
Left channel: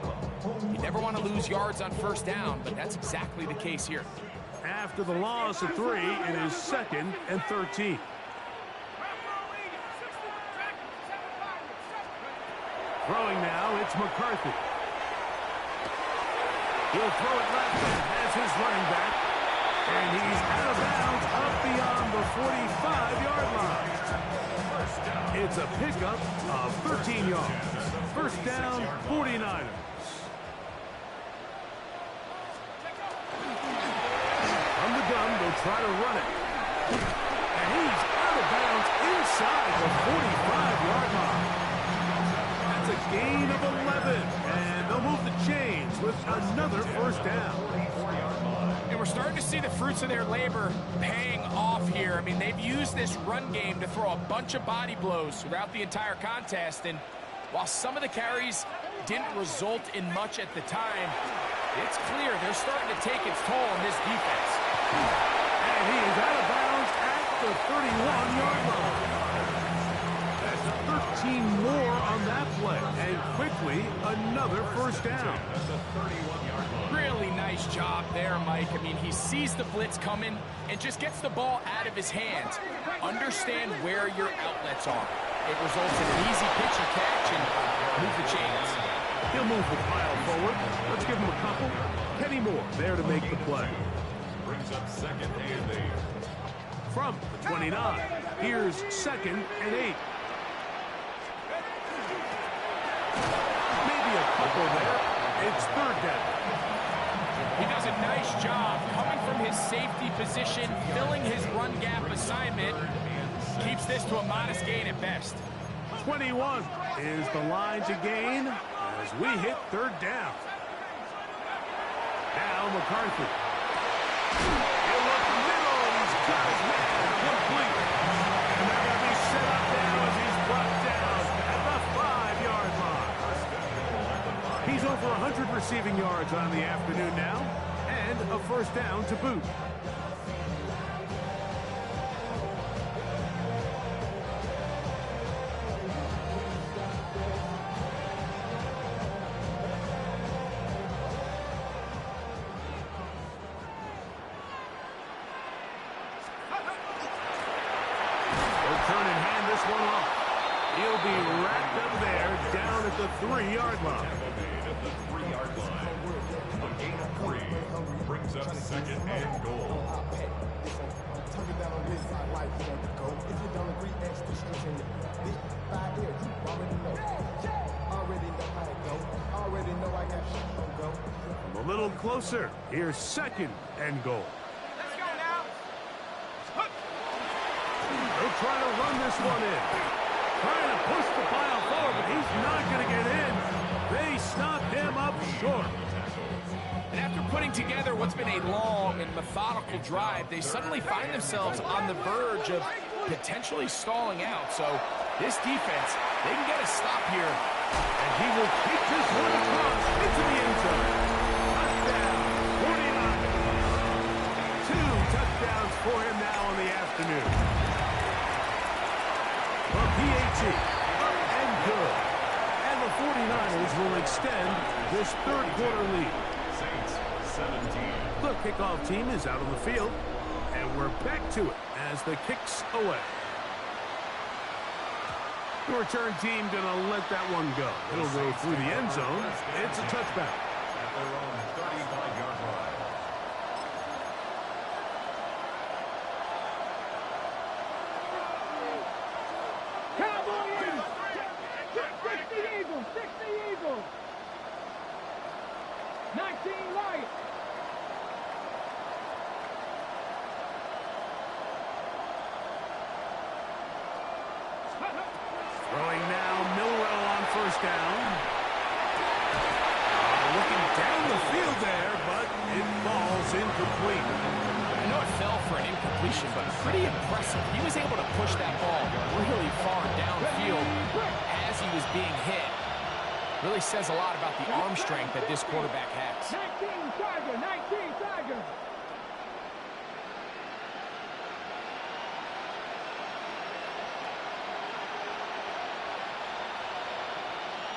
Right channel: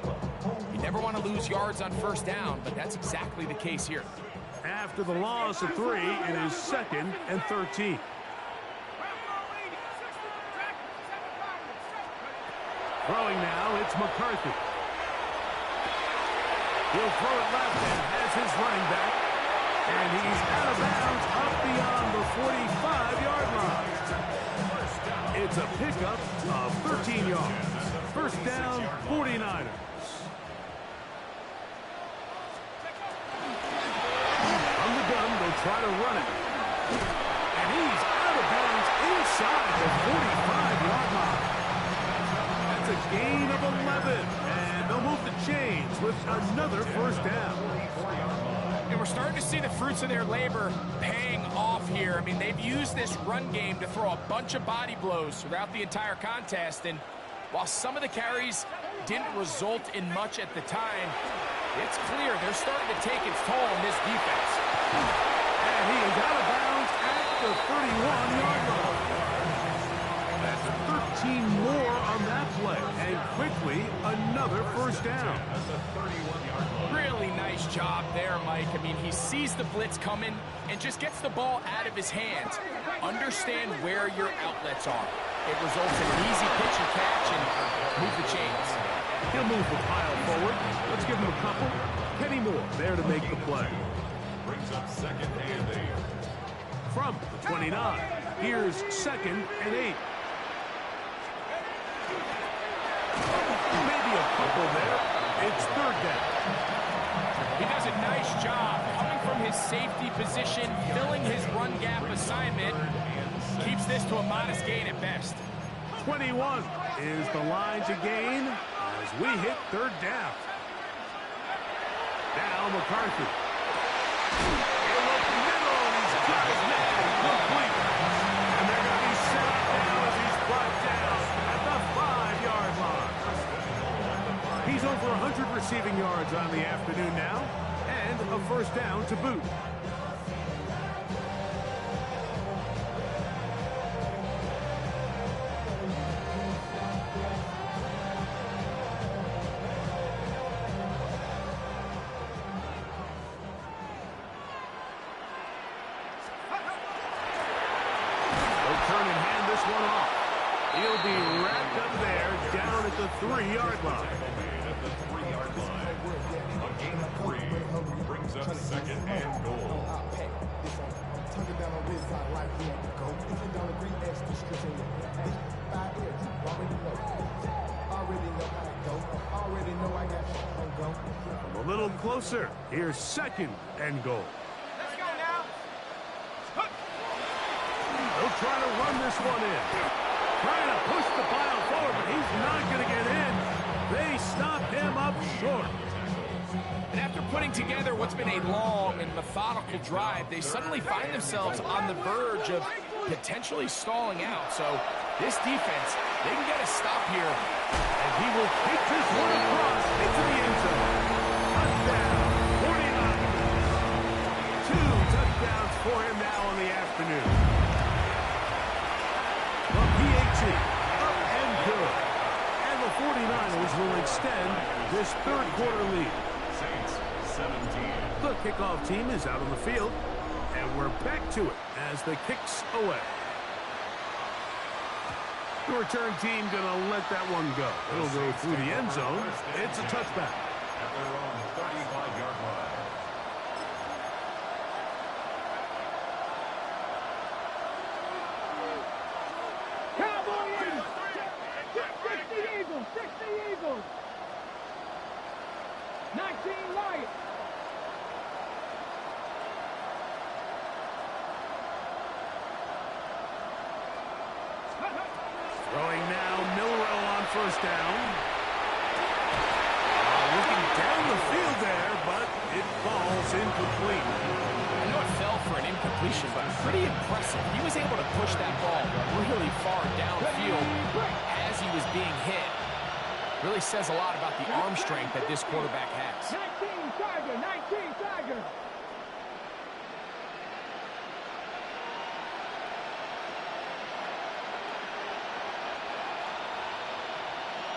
You never want to lose yards on first down, but that's exactly the case here. After the loss of 3, it is 2nd and 13. Throwing now, it's McCarthy. He'll throw it left and has his running back. And he's out of bounds up beyond the 45-yard line. It's a pickup of 13 yards. First down, 49ers. From the gun, they'll try to run it. And he's out of bounds inside the 45-yard line. That's a gain of 11. And they'll move the chains with another first down. And we're starting to see the fruits of their labor paying off here. I mean, they've used this run game to throw a bunch of body blows throughout the entire contest. And while some of the carries didn't result in much at the time, it's clear they're starting to take its toll on this defense. And he is out of bounds at the 31-yard line. That's 13 more on that play. And quickly, another first down. Really nice job there, Mike. I mean, he sees the blitz coming and just gets the ball out of his hands. Understand where your outlets are. It results in an easy pitch and catch and move the chains. He'll move the pile forward. Let's give him a couple. Kenny Moore there to make the play. Brings up 2nd and 8. From the 29, here's 2nd and 8. Maybe a couple there. It's 3rd down. He does a nice job coming from his safety position, filling his run gap assignment. Keeps this to a modest gain at best. 21 is the line to gain as we hit 3rd down. Now McCarthy. He'll look middle, and he's got his man complete. And they're going to be set up now as he's brought down at the 5-yard line. He's over 100 receiving yards on the afternoon now, and a first down to boot. They'll turn and hand this one off. He'll be wrapped up there down at the 3-yard line. Tackle made at the 3-yard line. A gain of 3 brings up 2nd and goal. From a little closer, here's 2nd and goal. Let's go now. They'll try to run this one in. Trying to push the pile forward, but he's not going to get in. They stop him up short. And after putting together what's been a long and methodical drive, they suddenly find themselves on the verge of potentially stalling out. So this defense, they can get a stop here. And he will take this one across into the end zone. Touchdown, 49. 2 touchdowns for him now on the afternoon. The PAT, up and good. And the 49ers will extend this 3rd quarter lead. Saints 17. The kickoff team is out on the field, and we're back to it as the kick's away. The return team going to let that one go. It'll go through the end zone. It's a touchback. At their own 35-yard line. Cowboy Eagles. 60 Eagles. 60 Eagles. 19 Lions. Throwing now, Milrow on first down. Looking down the field there, but it falls incomplete. I know it fell for an incompletion, but pretty impressive. He was able to push that ball really far downfield as he was being hit. Really says a lot about the arm strength that this quarterback has. 19 Tiger. 19 Tiger.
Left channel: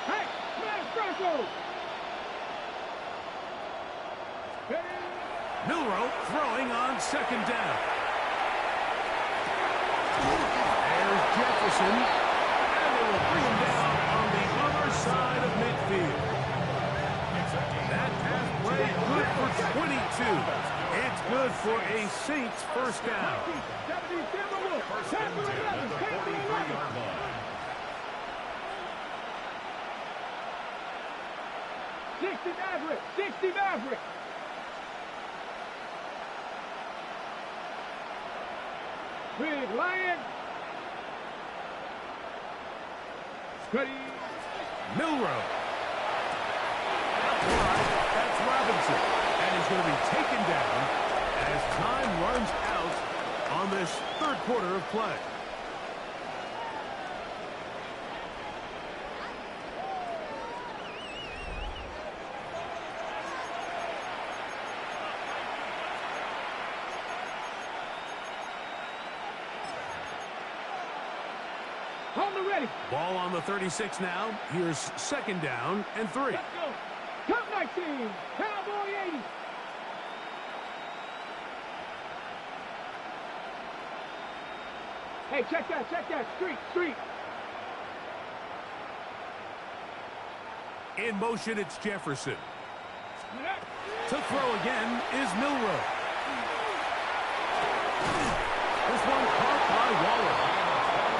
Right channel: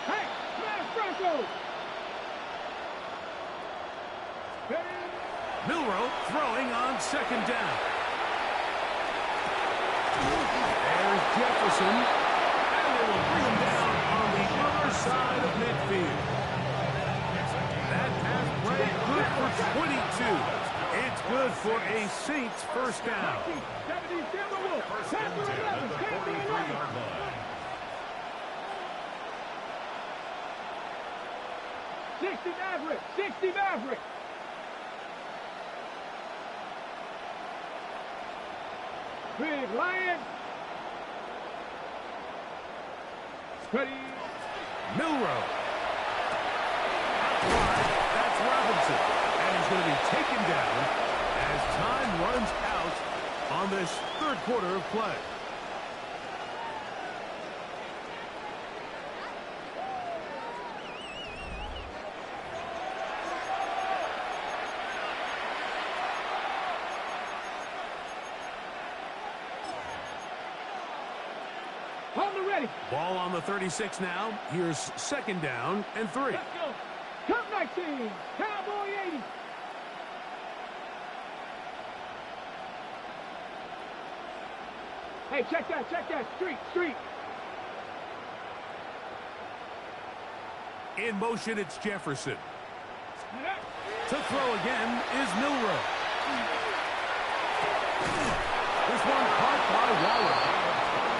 Hey, smash Broncos. Milrow throwing on second down. There's Jefferson, and they will bring him down on the other side of midfield. That pass play good for 22. It's good for a Saints first down. 70 Timberwolves. First and 10 at the 43-yard line. 60 Maverick. 60 Maverick. Big Lion. Cuddy. Milrow. Out wide, that's Robinson. And he's going to be taken down as time runs out on this third quarter of play. Hold the ready. Ball on the 36 now. Here's second down and 3. Let's go. Cup 19. Cowboy 80. Hey, check that. Check that. Street. In motion, it's Jefferson. To throw again is Milrow. This one caught by Waller.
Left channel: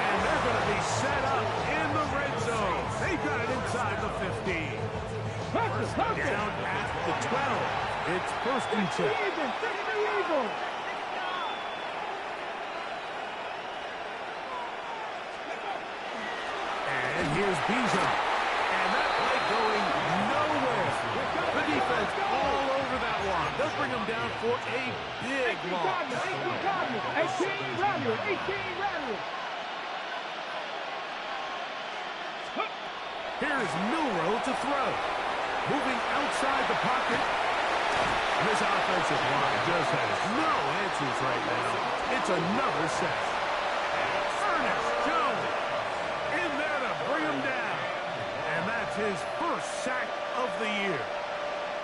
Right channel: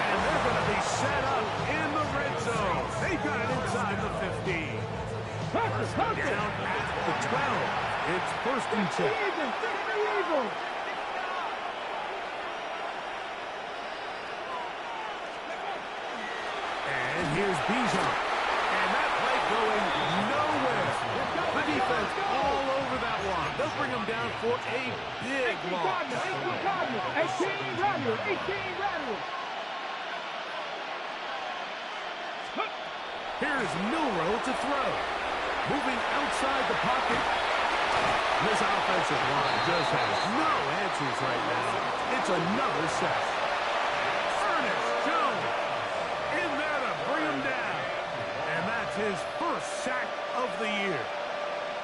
And they're going to be set up in the red zone. They've got it inside the 15. Down at the 12. It's first and 10. 60 Eagles. And here's Bijan. And that play going nowhere. The defense all over that one. They'll bring them down for a big loss. 18 Rattlers. Here's Milrow to throw. Moving outside the pocket. This offensive line just has no answers right now. It's another sack. Ernest Jones in there to bring him down. And that's his first sack of the year.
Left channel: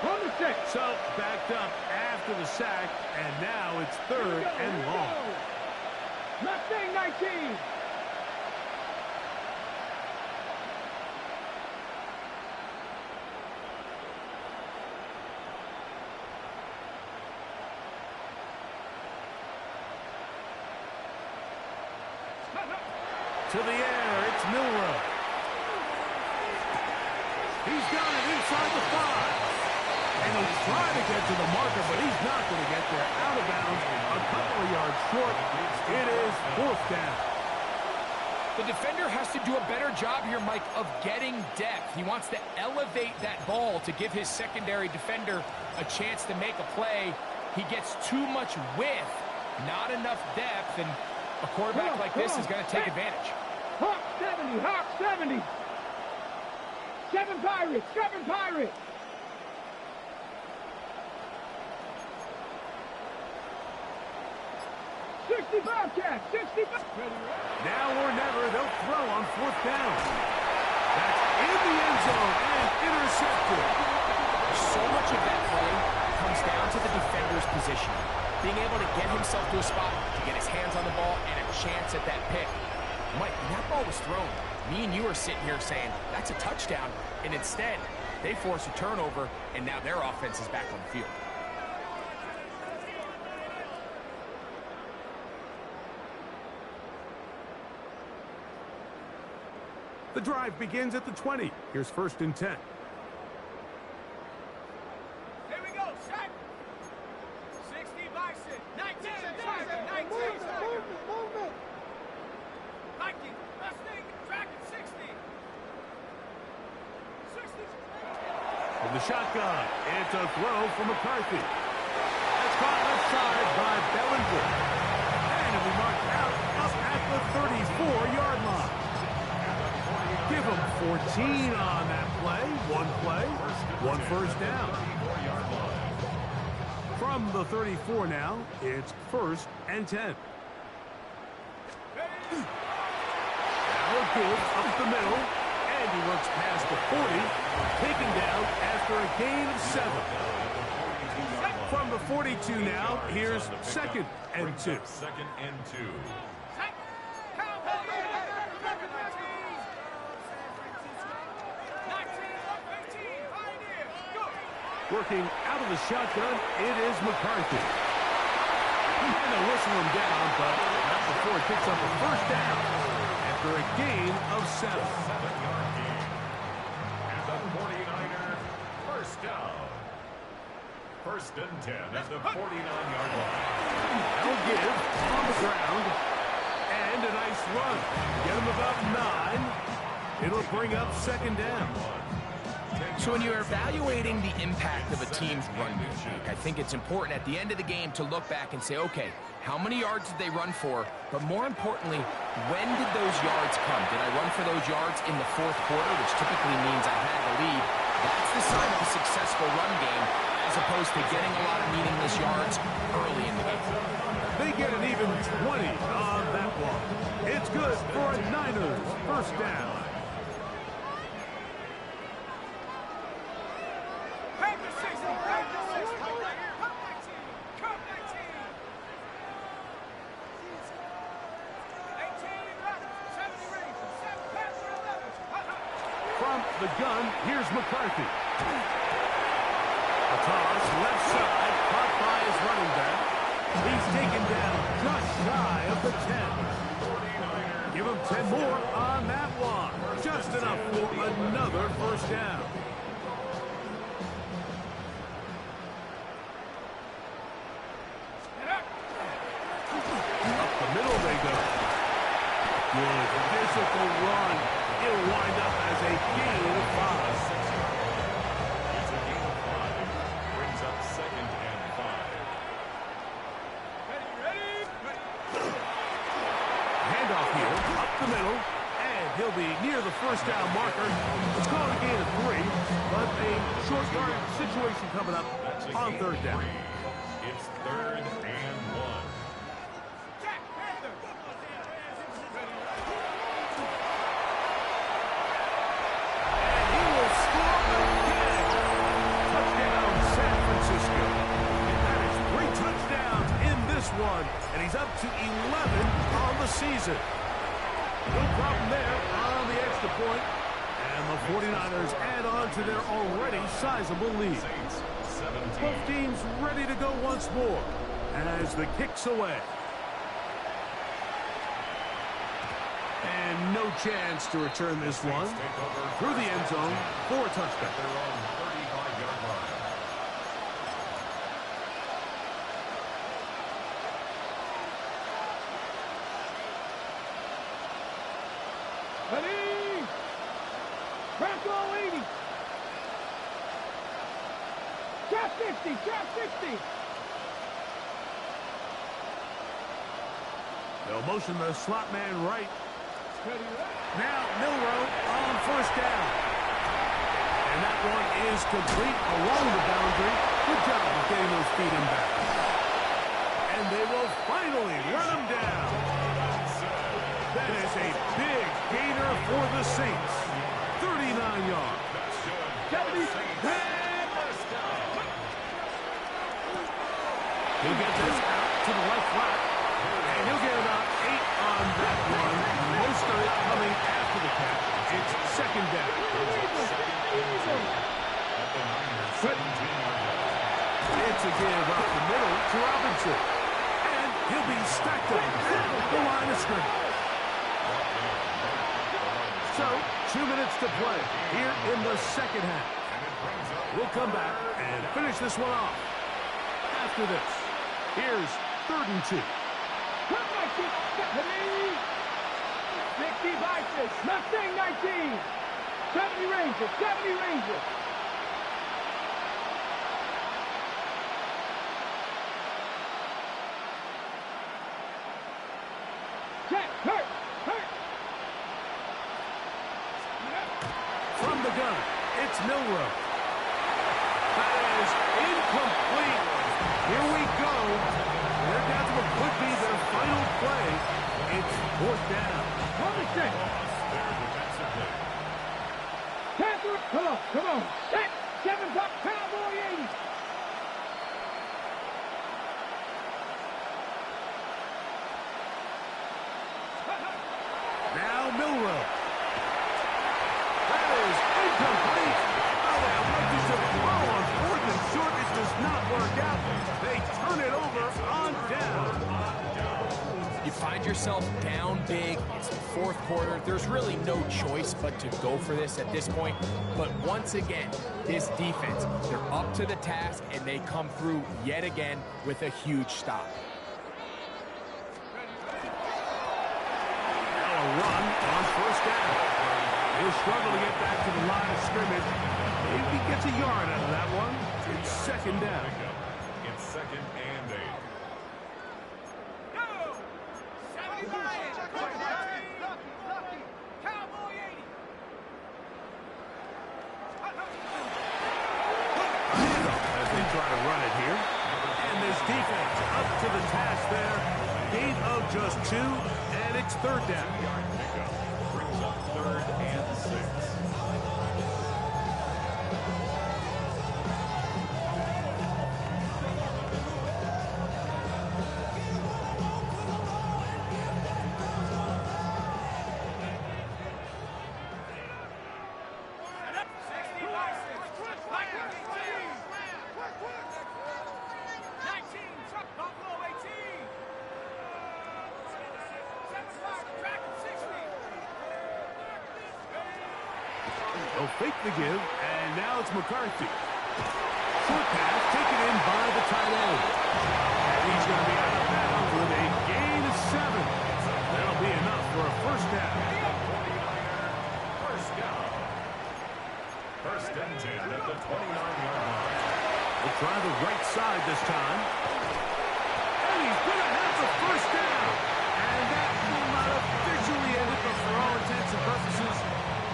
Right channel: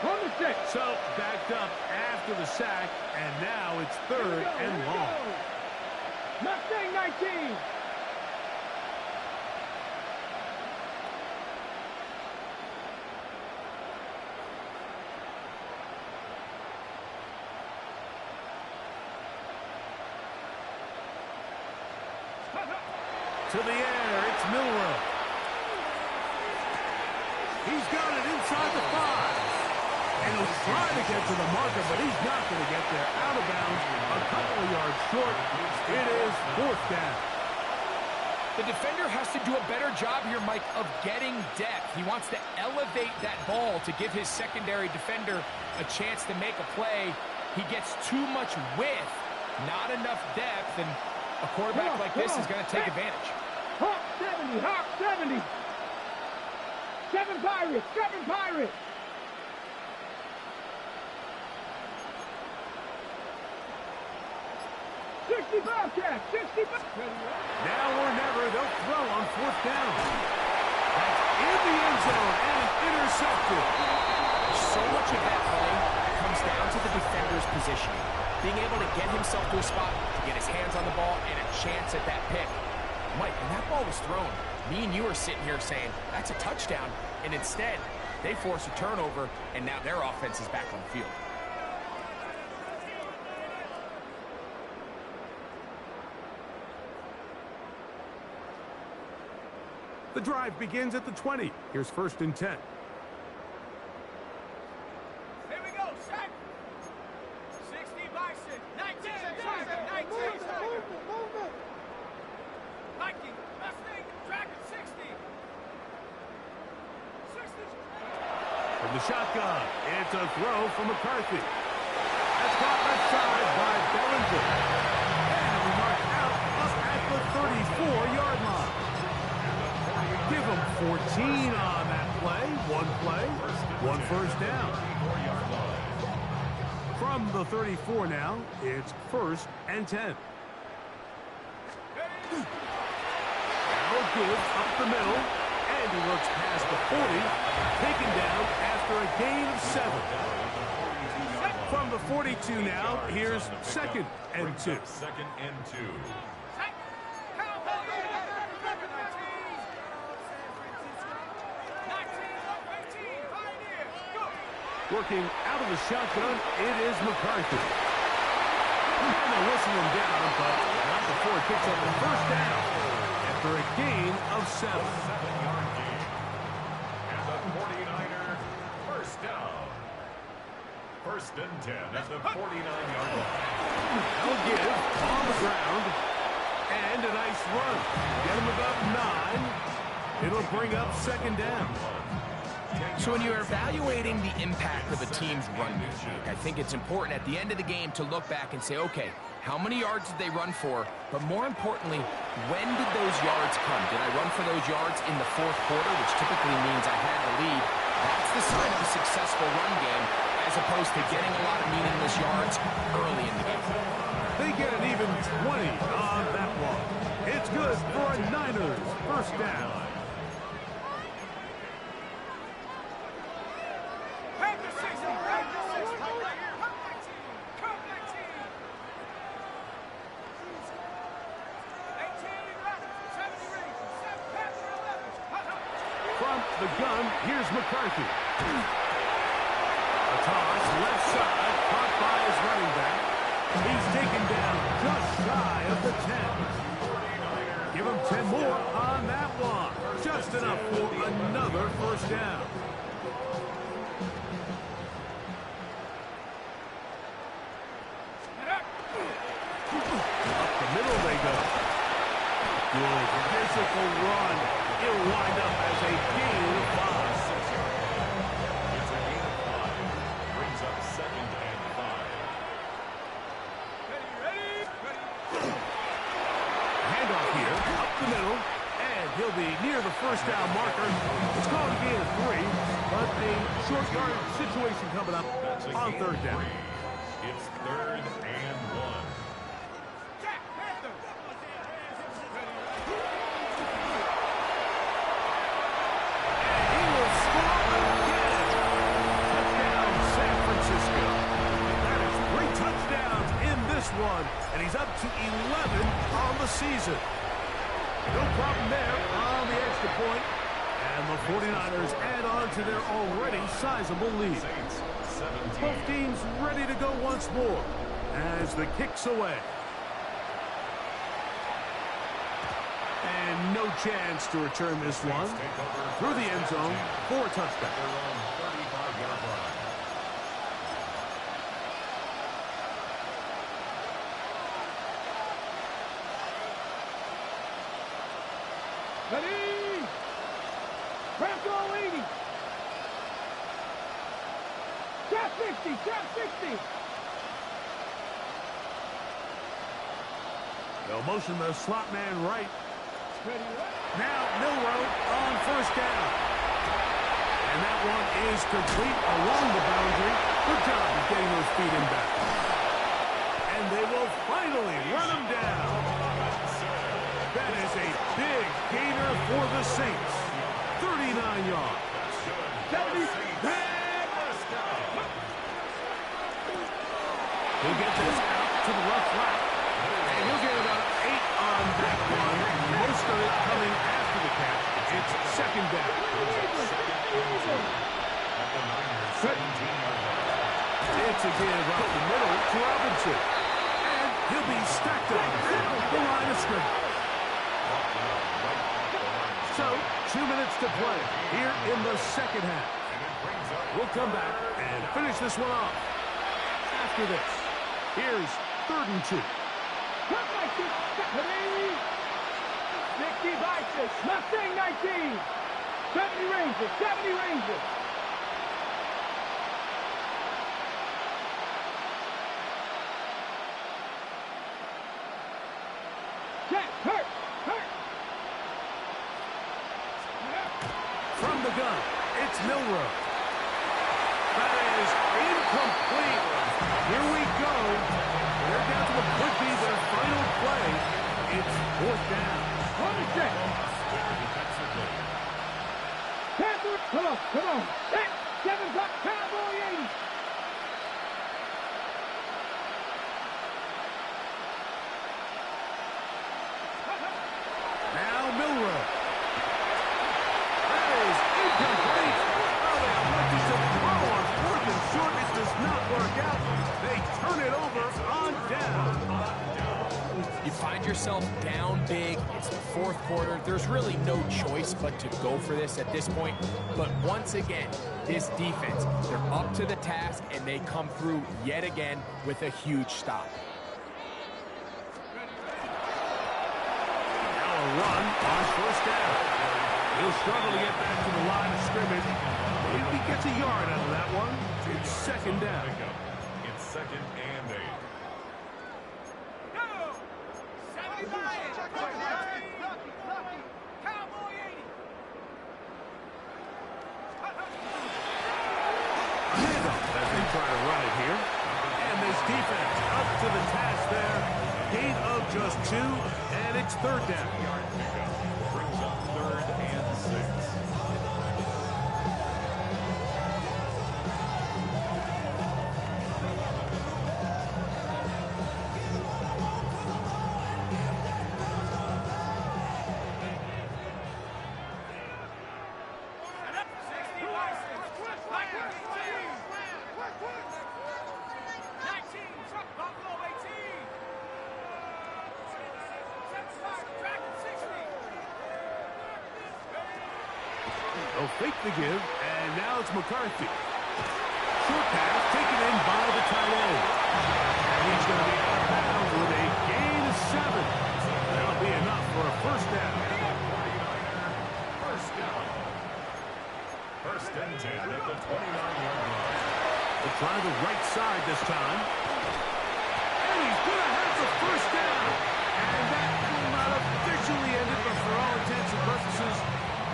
On the 6. So backed up after the sack, and now it's third and long. Mustang 19. To the air, it's Milrow. He's got it inside the 5. And he'll try to get to the marker, but he's not going to get there. Out of bounds, a couple of yards short. It is fourth down. The defender has to do a better job here, Mike, of getting depth. He wants to elevate that ball to give his secondary defender a chance to make a play. He gets too much width, not enough depth, and a quarterback like this is going to take advantage. Hawk 70. 7 Pirates. 65 Cats. 65. Now or never, they'll throw on fourth down. That's in the end zone and intercepted. So much of that play comes down to the defender's positioning. Being able to get himself to a spot, to get his hands on the ball, and a chance at that pick. Mike, when that ball was thrown, me and you are sitting here saying, that's a touchdown, and instead, they force a turnover, and now their offense is back on the field. The drive begins at the 20. Here's 1st and 10. Here we go, sack. 60 Bison. 19 Tiger. 19 Tiger. Movement. Viking. Mustang. Dragon. 60. 60. From the shotgun, it's a throw from McCarthy. That's caught left side by Bellinger. And it'll be marked out up at the 34-yard line. Give them 14 on that play. One first down. From the 34 now, it's 1st and 10. Now a give up the middle, and he works past the 40, taken down after a gain of 7. From the 42 now, here's 2nd and 2. 2nd and 2. Working out of the shotgun, it is McCarthy. And they'll whistle him down, but not before he picks up a 1st down after a gain of 7. 7-yard gain. And the 49er, 1st down. 1st and 10 at the 49-yard line. They'll give on the ground. And a nice run. Get him about 9. It'll bring up 2nd down. So when you're evaluating the impact of a team's run game, I think it's important at the end of the game to look back and say, okay, how many yards did they run for? But more importantly, when did those yards come? Did I run for those yards in the 4th quarter, which typically means I had the lead? That's the sign of a successful run game, as opposed to getting a lot of meaningless yards early in the game. They get an even 20 on that one. It's good for a Niners 1st down. From the gun, here's McCarthy. A toss, left side, caught by his running back. He's taken down just shy of the 10. Give him 10 more on that one. Just enough for another 1st down. Up the middle they go. Good physical run. It'll wind up as a gain of 5. 6-yard gain. It's a gain of 5. Brings up 2nd and 5. Ready. Handoff here, up the middle, and he'll be near the 1st down marker. It's called a gain of 3, but a short yardage situation coming up on 3rd down. It's 3rd and 1. Jack Panther. And he will score again. Touchdown, San Francisco. That is 3 touchdowns in this one, and he's up to 11 on the season. No problem there on the extra point, and the 49ers add on to their already sizable lead. Saints 17. Both teams ready to go once more as the kick's away. And no chance to return this one through the end zone for a touchdown. Their own 35-yard line. Ready. Bronco 80. Trap 60. Trap 60. They'll motion the slot man right. Ready. Now Milrow on 1st down. And that one is complete along the boundary. Good job of getting those feet in back. And they will finally run him down. That is a big gainer for the Saints. 39 yards. 70. He'll get this out to the left flat. And he'll He'll get about 8 on that one, most of it coming after the catch. It's second down. It's a give up the middle to Robinson. And he'll be stacked up at the line of scrimmage. So, 2 minutes to play here in the second half. We'll come back and finish this one off. After this, here's 3rd and 2. 60 vices, Mustang 19. 70 Rangers, 70 Rangers. Check, hurt. From the gun, it's Milrow. That is incomplete. Here we go. They're down to what could be their final play. It's 4th down. Panther, come on. Set, 7 top, Cowboy 80. Now Milrow. That is incomplete. Oh, they elected to throw on 4th and short. It does not work out. They turn it over on down. You find yourself down big. It's the 4th quarter. There's really no choice but to go for this at this point. But once again, this defense, they're up to the task, and they come through yet again with a huge stop. Now a run on 1st down. He'll struggle to get back to the line of scrimmage. Maybe he gets a yard out of that one. It's 2nd down. It's 2nd and 8. Go! 75. Lucky. Cowboy 80. Handoff as they try to run it here. And this defense up to the task there. Gain of just 2, and it's 3rd down. Brings up 3rd and 6. They'll fake the give, and now it's McCarthy. Short pass taken in by the tight end. And he's going to be out of bounds with a gain of 7. That'll be enough for a 1st down. 49er, 1st down. 1st and 10 at the 29-yard line. They'll try the right side this time. And he's going to have the 1st down. And that will not officially end it, but for all intents and purposes,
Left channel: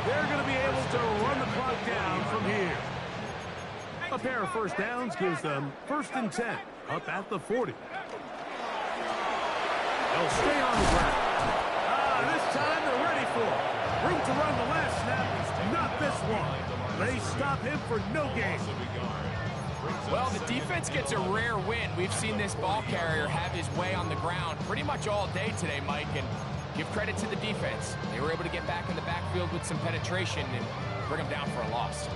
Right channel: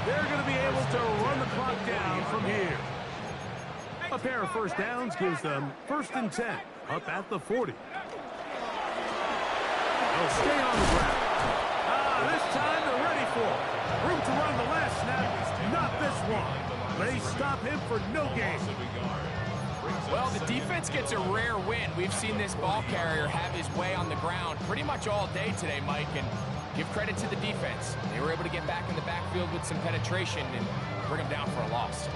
they're going to be able to run the clock down from here. A pair of 1st downs gives them 1st and 10 up at the 40. They'll stay on the ground. This time they're ready for it. Room to run the last snap, not this one. They stop him for no gain. Well, the defense gets a rare win. We've seen this ball carrier have his way on the ground pretty much all day today, Mike, and give credit to the defense. They were able to get back in the backfield with some penetration and bring them down for a loss.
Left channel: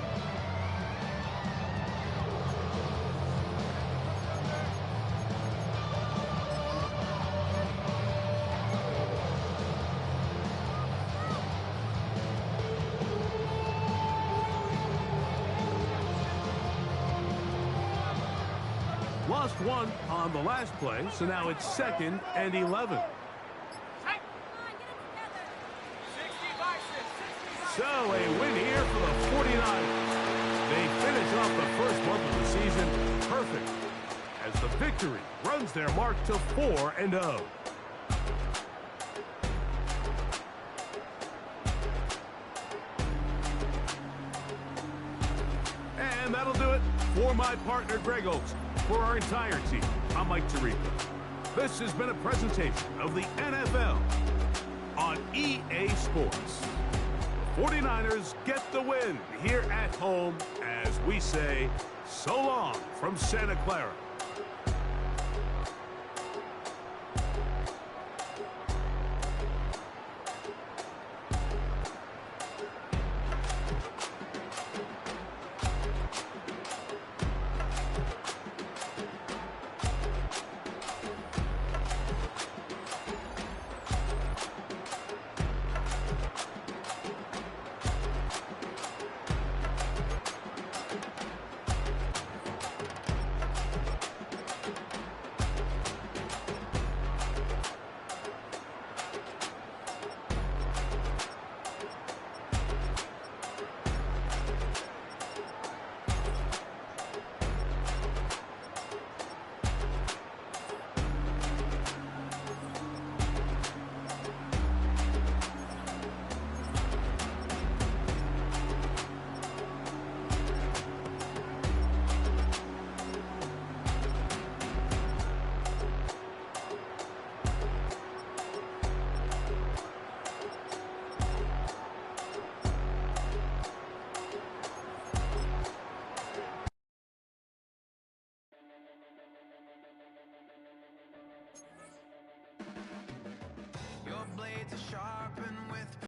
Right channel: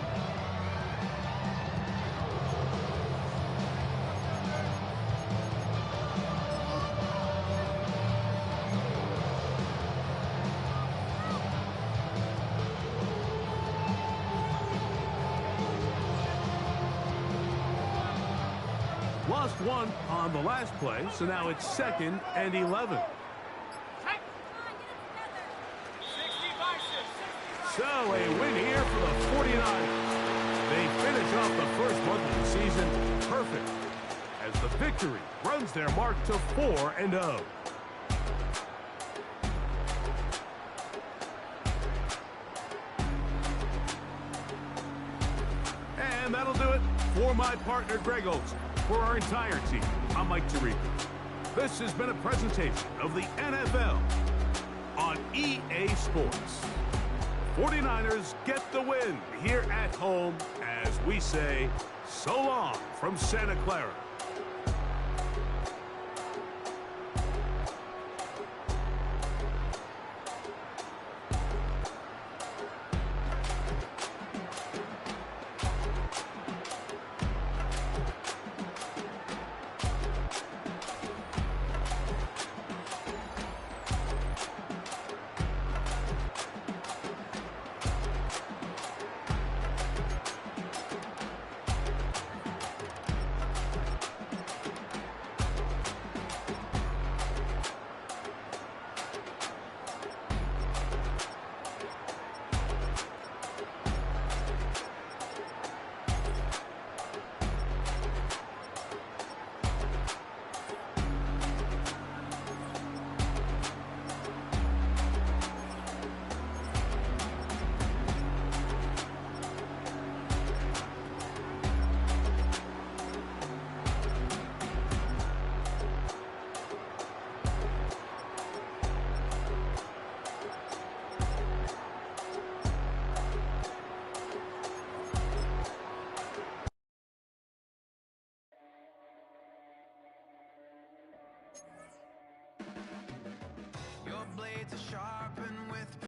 Lost 1 on the last play, so now it's 2nd and 11. So a win here for the 49ers. They finish off the first month of the season perfect as the victory runs their mark to 4-0. And that'll do it for my partner Greg Olson. For our entire team, I'm Mike Tirico. This has been a presentation of the NFL on EA Sports. 49ers get the win here at home as we say so long from Santa Clara. blades are sharper